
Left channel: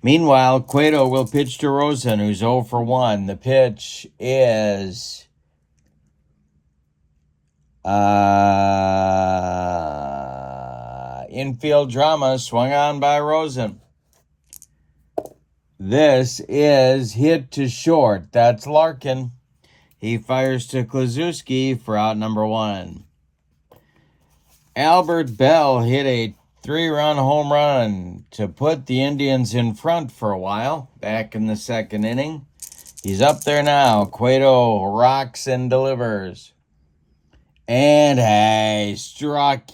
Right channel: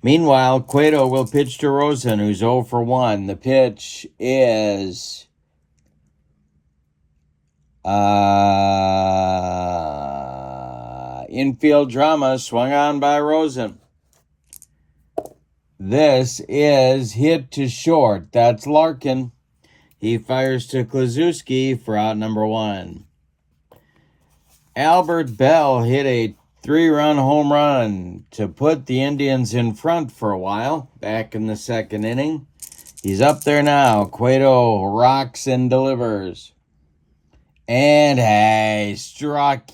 Meanwhile, Cueto will pitch to Rosen, who's 0 for 1. The pitch is infield drama, swung on by Rosen. This is hit to short. That's Larkin. He fires to Kluszewski for out number 1. Albert Bell hit a 3-run home run to put the Indians in front for a while back in the 2nd inning. He's up there now. Cueto rocks and delivers. And I struck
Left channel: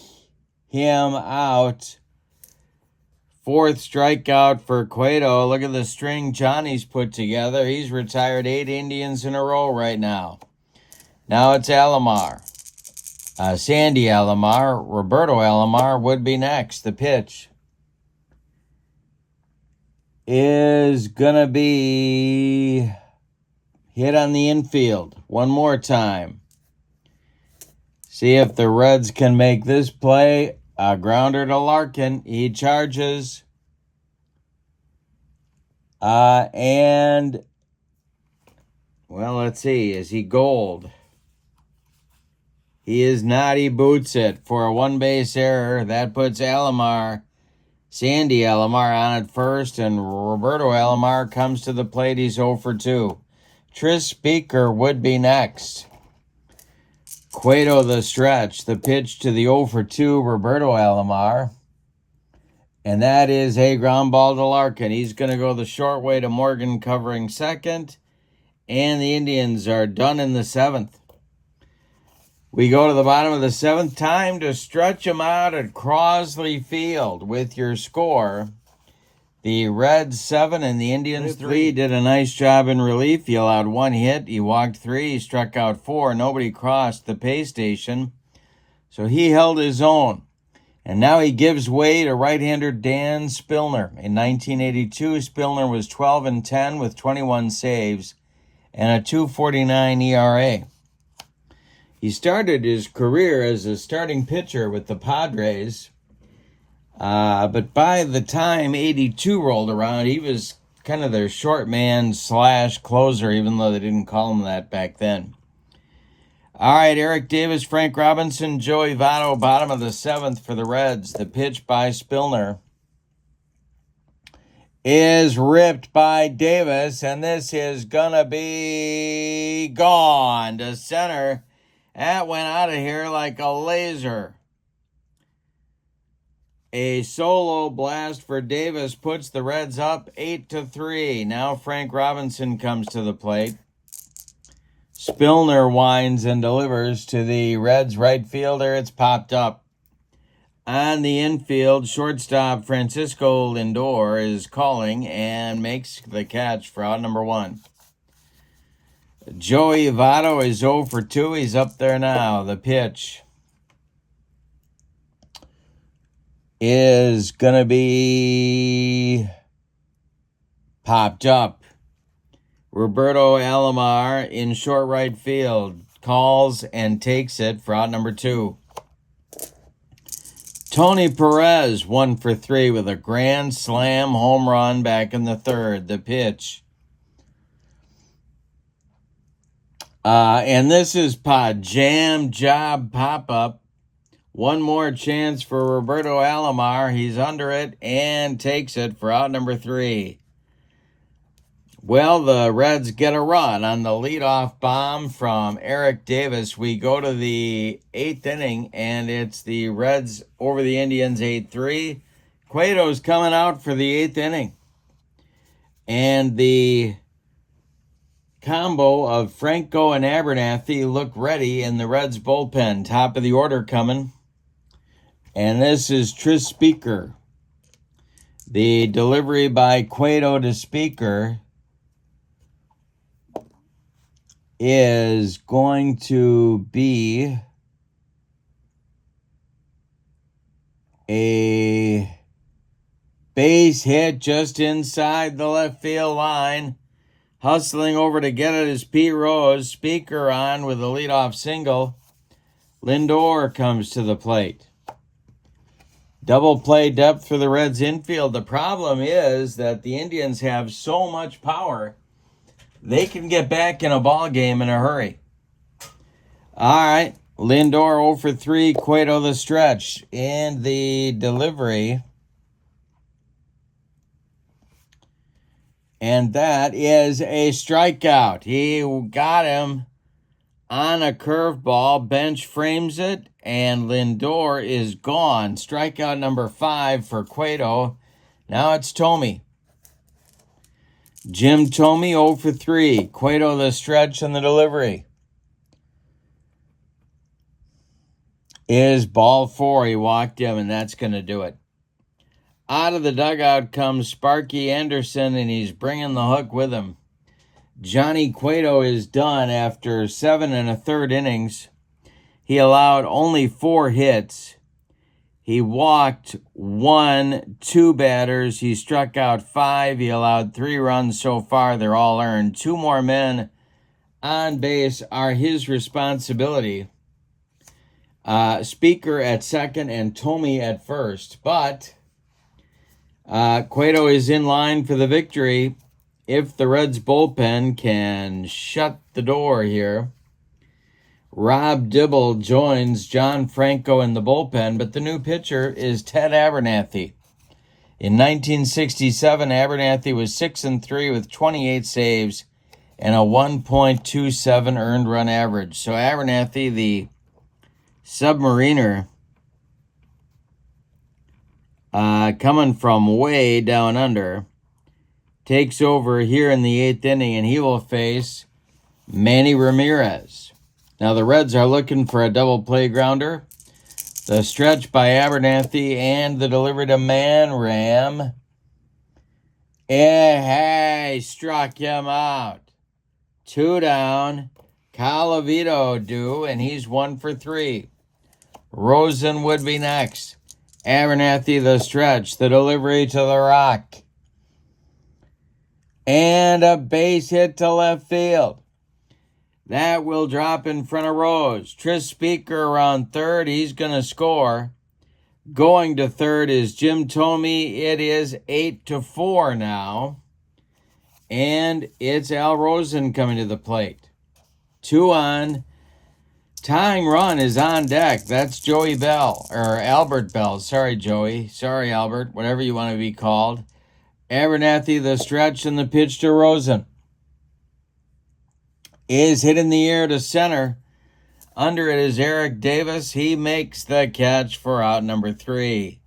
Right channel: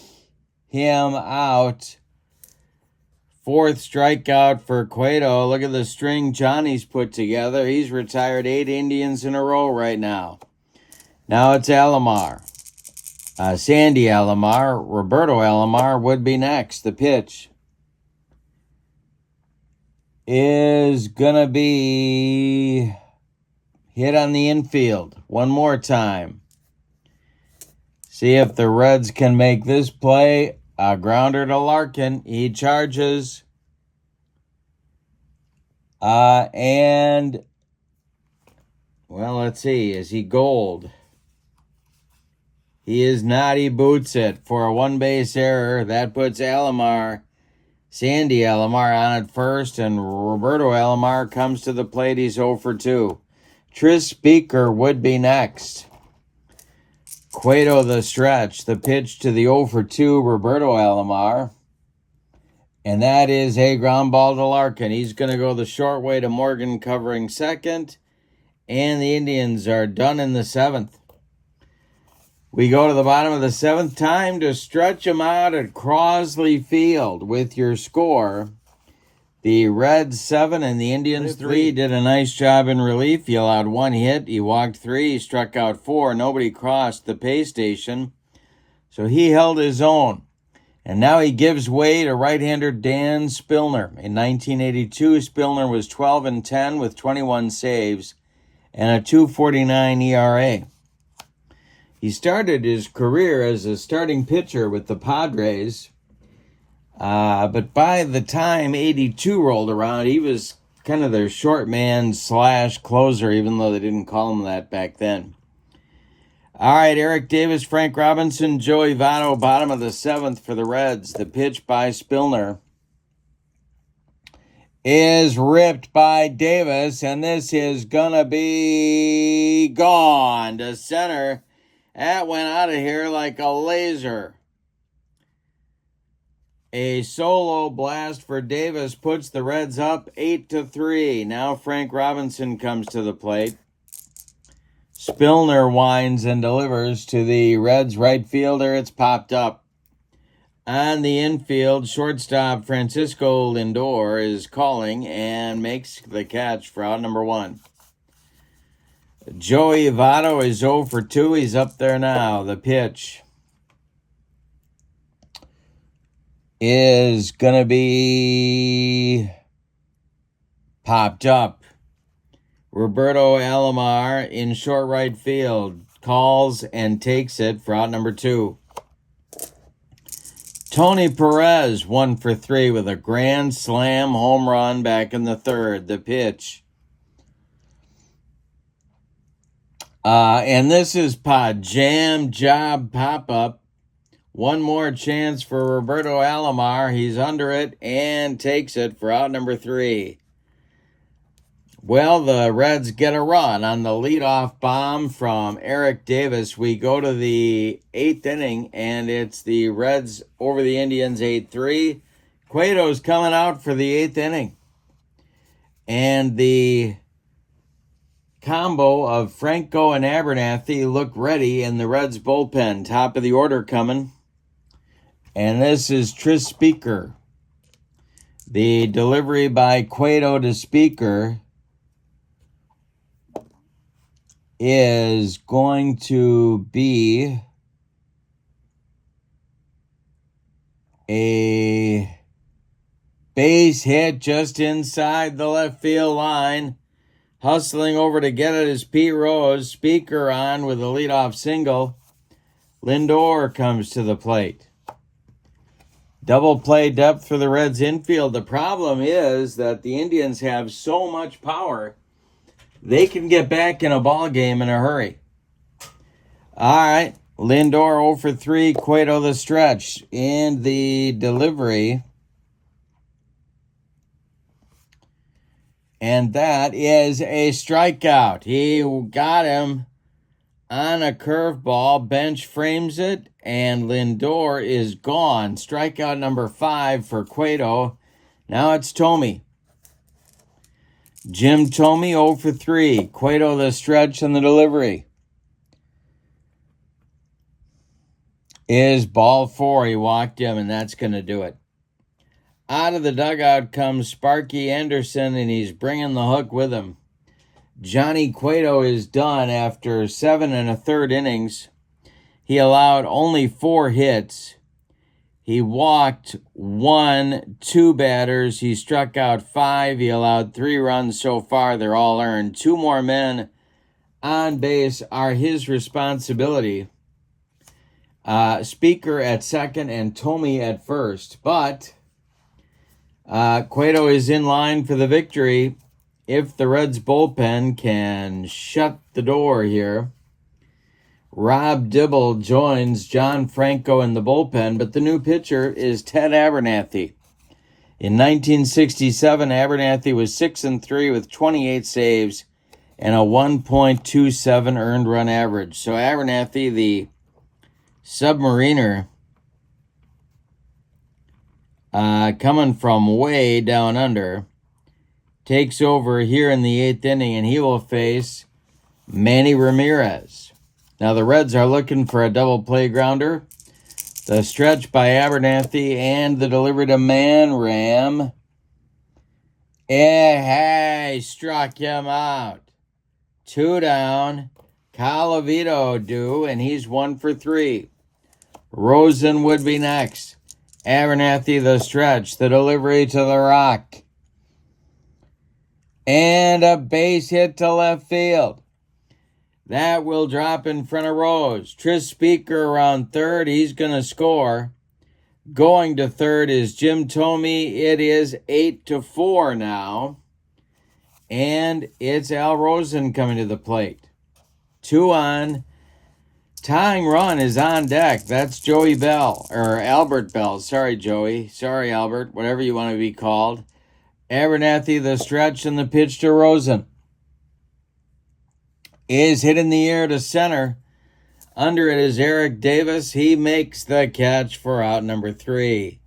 him out. 4th strikeout for Cueto. Look at the string Johnny's put together. He's retired 8 Indians in a row right now. Now it's Alomar. Sandy Alomar. Roberto Alomar would be next. The pitch is going to be hit on the infield. One more time. See if the Reds can make this play. A grounder to Larkin. He charges. And, well, let's see. Is he gold? He is not. He boots it for a 1-base error. That puts Alomar, Sandy Alomar, on at first. And Roberto Alomar comes to the plate. He's 0 for 2. Tris Speaker would be next. Cueto the stretch, the pitch to the 0 for 2 Roberto Alomar. And that is a ground ball to Larkin. He's going to go the short way to Morgan covering 2nd. And the Indians are done in the 7th. We go to the bottom of the 7th. Time to stretch them out at Crosley Field with your score. The Reds 7 and the Indians 3. He did a nice job in relief. He allowed 1 hit. He walked 3. He struck out 4. Nobody crossed the pay station. So he held his own. And now he gives way to right-hander Dan Spillner. In 1982, Spillner was 12-10 with 21 saves and a 2.49 ERA. He started his career as a starting pitcher with the Padres. But by the time 82 rolled around, he was kind of their short man / closer, even though they didn't call him that back then. All right, Eric Davis, Frank Robinson, Joey Votto, bottom of the 7th for the Reds. The pitch by Spillner is ripped by Davis, and this is going to be gone to center. That went out of here like a laser. A solo blast for Davis puts the Reds up 8-3. Now Frank Robinson comes to the plate. Spillner winds and delivers to the Reds right fielder. It's popped up. On the infield, shortstop Francisco Lindor is calling and makes the catch for out number 1. Joey Votto is 0 for 2. He's up there now. The pitch is going to be popped up. Roberto Alomar in short right field calls and takes it for out number 2. Tony Perez 1 for 3 with a grand slam home run back in the 3rd. The pitch. And this is jam job pop-up. One more chance for Roberto Alomar. He's under it and takes it for out number 3. Well, the Reds get a run on the leadoff bomb from Eric Davis. We go to the 8th inning, and it's the Reds over the Indians 8-3. Cueto's coming out for the 8th inning. And the combo of Franco and Abernathy look ready in the Reds bullpen. Top of the order coming. And this is Tris Speaker. The delivery by Cueto to Speaker is going to be a base hit just inside the left field line. Hustling over to get it is Pete Rose. Speaker on with a leadoff single. Lindor comes to the plate. Double play depth for the Reds infield. The problem is that the Indians have so much power, they can get back in a ball game in a hurry. All right, Lindor 0 for 3, Cueto the stretch. And the delivery. And that is a strikeout. He got him on a curveball. Bench frames it, and Lindor is gone. Strikeout number 5 for Cueto. Now it's Thome. Jim Thome 0 for 3. Cueto the stretch and the delivery is ball 4. He walked him, and that's going to do it. Out of the dugout comes Sparky Anderson, and he's bringing the hook with him. Johnny Cueto is done after 7 1/3 innings. He allowed only 4 hits. He walked 2 batters. He struck out 5. He allowed 3 runs so far. They're all earned. 2 more men on base are his responsibility. Speaker at second and Thome at first. But Cueto is in line for the victory if the Reds bullpen can shut the door here. Rob Dibble joins John Franco in the bullpen, but the new pitcher is Ted Abernathy. In 1967, Abernathy was 6-3 with 28 saves and a 1.27 earned run average. So Abernathy, the submariner, coming from way down under, takes over here in the 8th inning, and he will face Manny Ramirez. Now the Reds are looking for a double play grounder. The stretch by Abernathy and the delivery to Manram. Hey, struck him out. 2 down. Calavito due, and he's 1 for 3. Rosen would be next. Abernathy the stretch, the delivery to the rock. And a base hit to left field. That will drop in front of Rose. Tris Speaker around third. He's going to score. Going to third is Jim Thome. It is 8-4 now. And it's Al Rosen coming to the plate. 2 on. Tying run is on deck. That's Joey Bell, or Albert Bell. Sorry, Joey. Sorry, Albert. Whatever you want to be called. Abernathy, the stretch, and the pitch to Rosen. Is hit in the air to center. Under it is Eric Davis. He makes the catch for out number 3.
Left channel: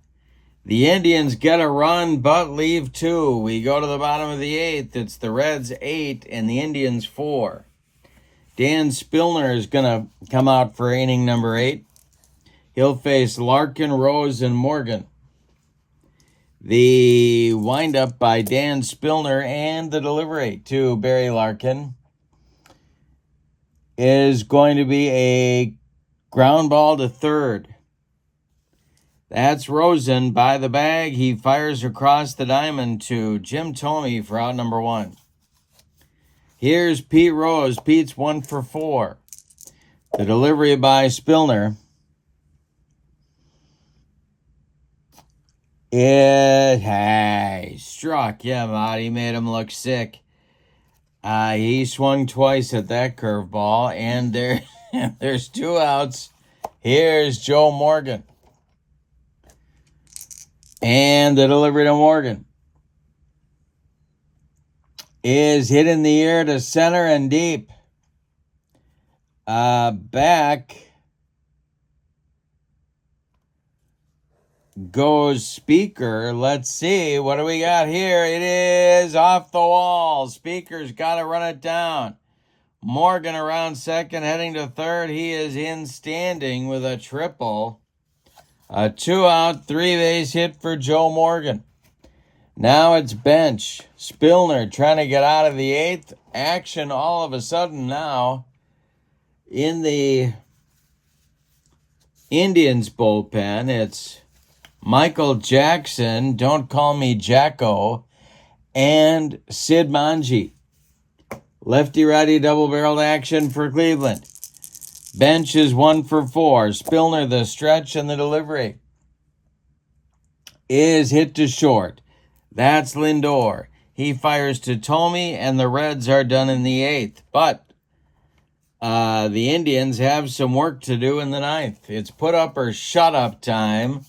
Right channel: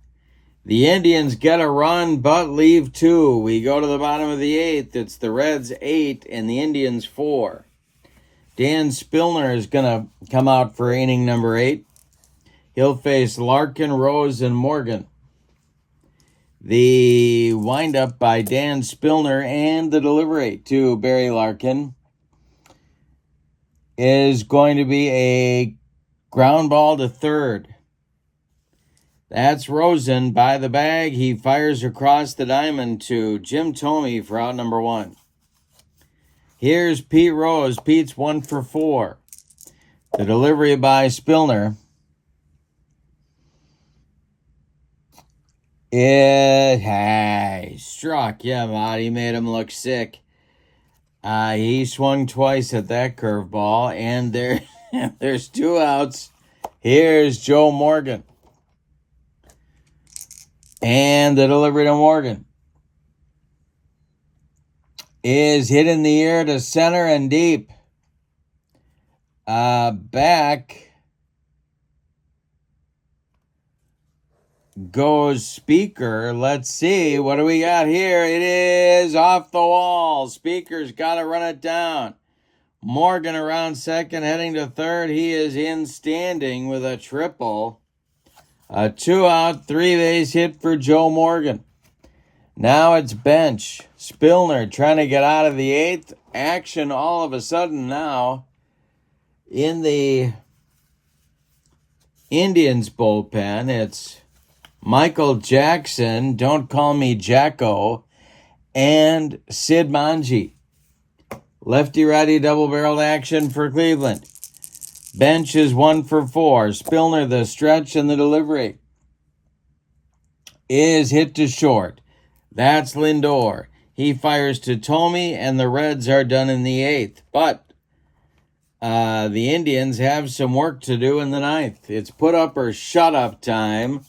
The Indians get a run, but leave 2. We go to the bottom of the 8th. It's the Reds 8 and the Indians 4. Dan Spillner is going to come out for inning number 8. He'll face Larkin, Rose, and Morgan. The windup by Dan Spillner and the delivery to Barry Larkin is going to be a ground ball to third. That's Rosen by the bag. He fires across the diamond to Jim Thome for out number 1. Here's Pete Rose. Pete's 1 for 4. The delivery by Spillner. It struck him out. He made him look sick. He swung twice at that curveball, and there's 2 outs. Here's Joe Morgan. And the delivery to Morgan is hit in the air to center and deep. Back goes Speaker. Let's see. What do we got here? It is off the wall. Speaker's got to run it down. Morgan around second, heading to third. He is in standing with a triple. A 2-out, 3-base hit for Joe Morgan. Now it's bench. Spillner trying to get out of the 8th. Action all of a sudden now in the Indians bullpen. It's Michael Jackson, don't call me Jacko, and Sid Manji. Lefty-righty double-barreled action for Cleveland. Bench is 1 for 4. Spillner, the stretch and the delivery, is hit to short. That's Lindor. He fires to Thome, and the Reds are done in the 8th. But the Indians have some work to do in the 9th. It's put up or shut up time.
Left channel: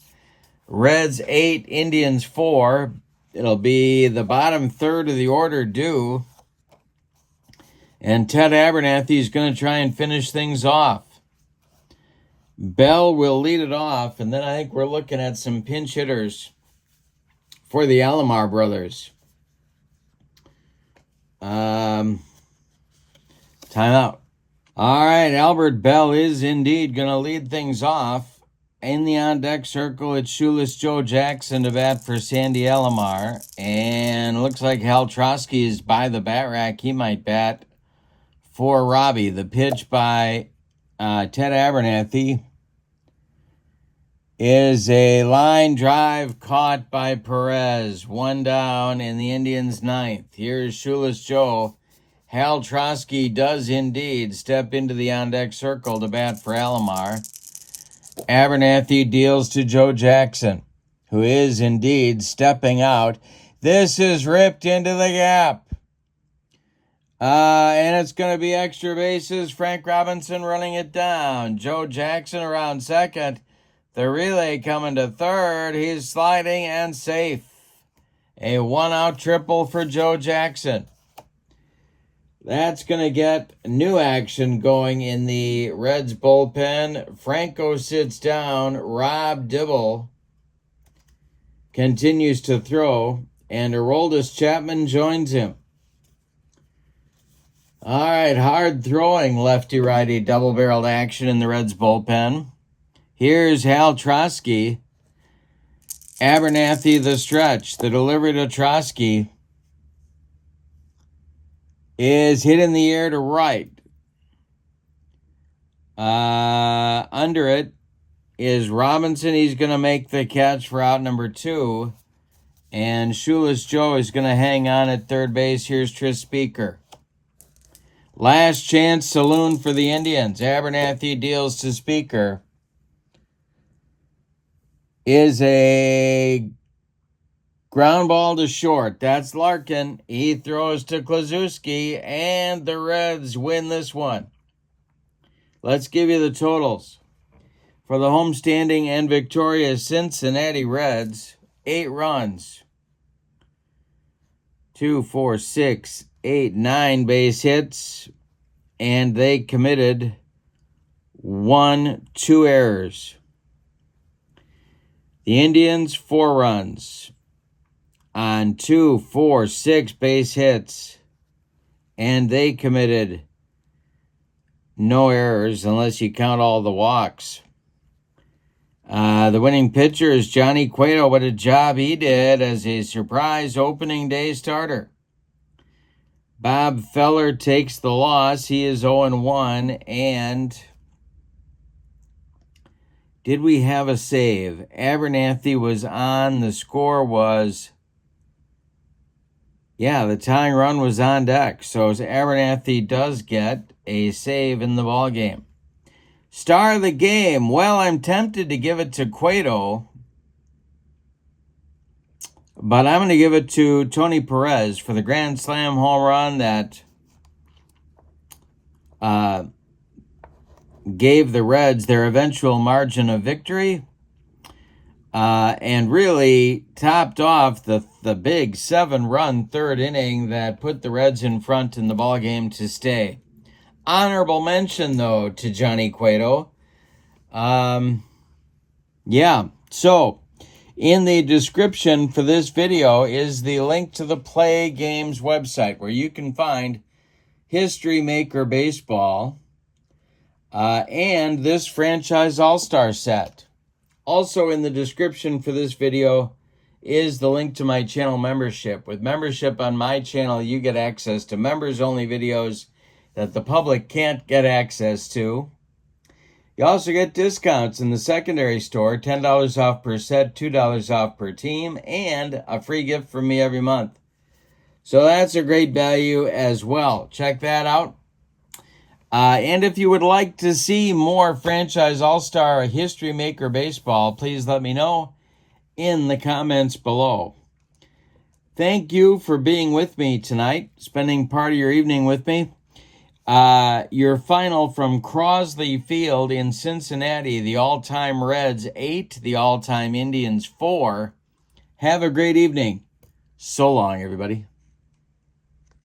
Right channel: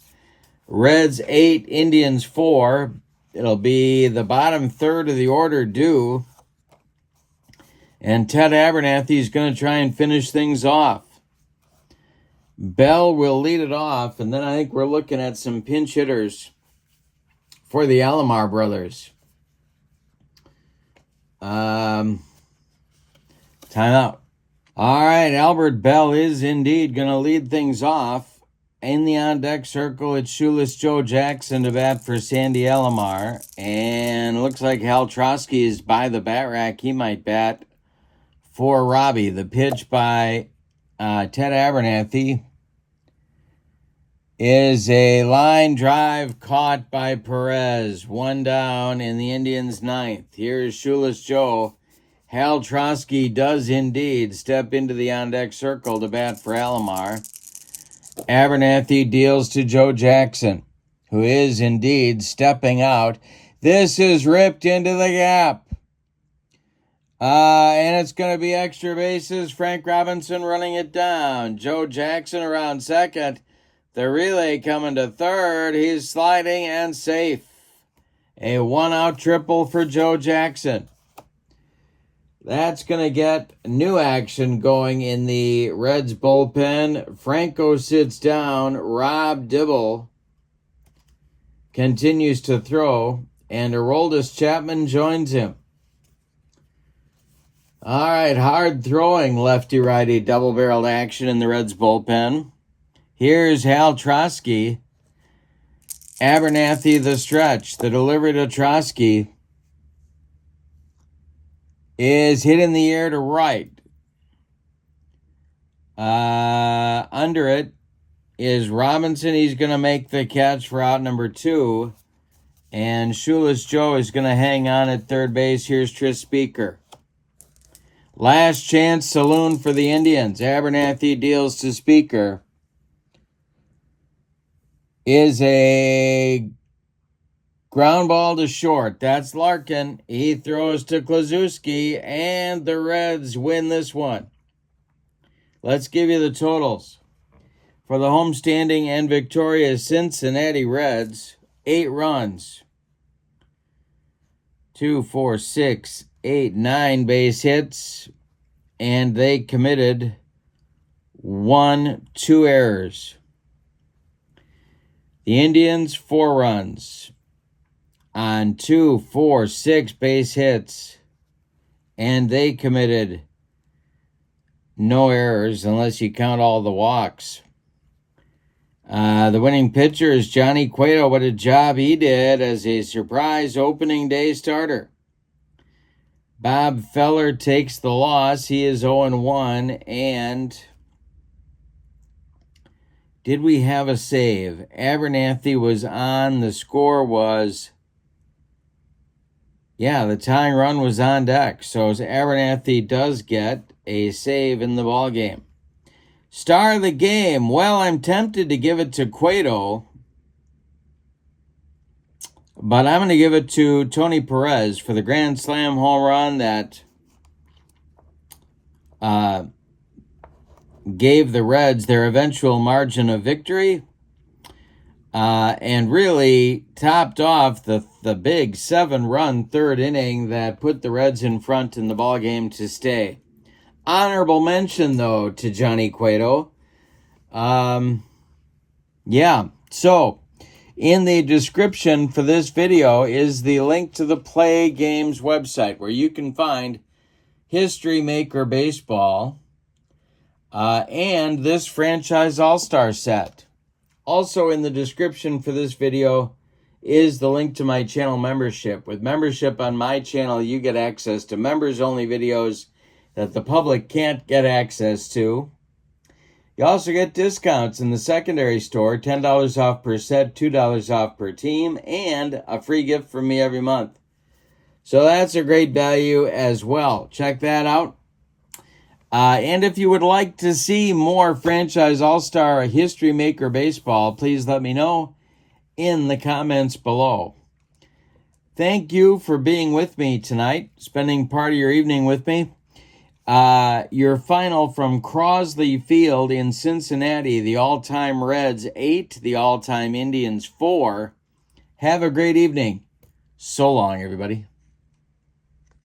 Reds 8, Indians 4. It'll be the bottom third of the order due. And Ted Abernathy is going to try and finish things off. Bell will lead it off, and then I think we're looking at some pinch hitters for the Alomar brothers. Time out. All right, Albert Bell is indeed going to lead things off. In the on-deck circle, it's Shoeless Joe Jackson to bat for Sandy Alomar. And looks like Hal Trotsky is by the bat rack. He might bat for Robbie. The pitch by Ted Abernathy is a line drive caught by Perez. 1 down in the Indians' 9th. Here's Shoeless Joe. Hal Trotsky does indeed step into the on-deck circle to bat for Alomar. Abernathy deals to Joe Jackson, who is indeed stepping out. This is ripped into the gap. And it's going to be extra bases. Frank Robinson running it down. Joe Jackson around second. The relay coming to third. He's sliding and safe. A 1-out triple for Joe Jackson. That's going to get new action going in the Reds bullpen. Franco sits down. Rob Dibble continues to throw. And Aroldis Chapman joins him. All right, hard throwing lefty-righty double-barreled action in the Reds bullpen. Here's Hal Trotsky. Abernathy the stretch. The delivery to Trotsky is hit in the air to right. Under it is Robinson. He's going to make the catch for out number 2. And Shoeless Joe is going to hang on at third base. Here's Tris Speaker. Last chance saloon for the Indians. Abernathy deals to Speaker. Is a Ground ball to short. That's Larkin. He throws to Kluszewski, and the Reds win this one. Let's give you the totals. For the homestanding and victorious Cincinnati Reds, 8 runs. 2, 4, 6, 8, 9 base hits, and they committed 2 errors. The Indians, 4 runs on 2, 4, 6 base hits, and they committed no errors unless you count all the walks. The winning pitcher is Johnny Cueto. What a job he did as a surprise opening day starter. Bob Feller takes the loss. He is 0-1. And did we have a save? Abernathy was on. The score was, the tying run was on deck. So Abernathy does get a save in the ball game. Star of the game. Well, I'm tempted to give it to Cueto, but I'm going to give it to Tony Perez for the grand slam home run that gave the Reds their eventual margin of victory and really topped off the big 7-run third inning that put the Reds in front in the ballgame to stay. Honorable mention, though, to Johnny Cueto. So in the description for this video is the link to the Play Games website where you can find History Maker Baseball and this Franchise All-Star set. Also in the description for this video is the link to my channel membership. With membership on my channel, you get access to members-only videos that the public can't get access to. You also get discounts in the secondary store, $10 off per set, $2 off per team, and a free gift from me every month. So that's a great value as well. Check that out. And if you would like to see more Franchise All-Star History Maker Baseball, please let me know in the comments below. Thank you for being with me tonight, spending part of your evening with me. Your final from Crosley Field in Cincinnati, the all-time Reds 8, the all-time Indians 4. Have a great evening. So long, everybody.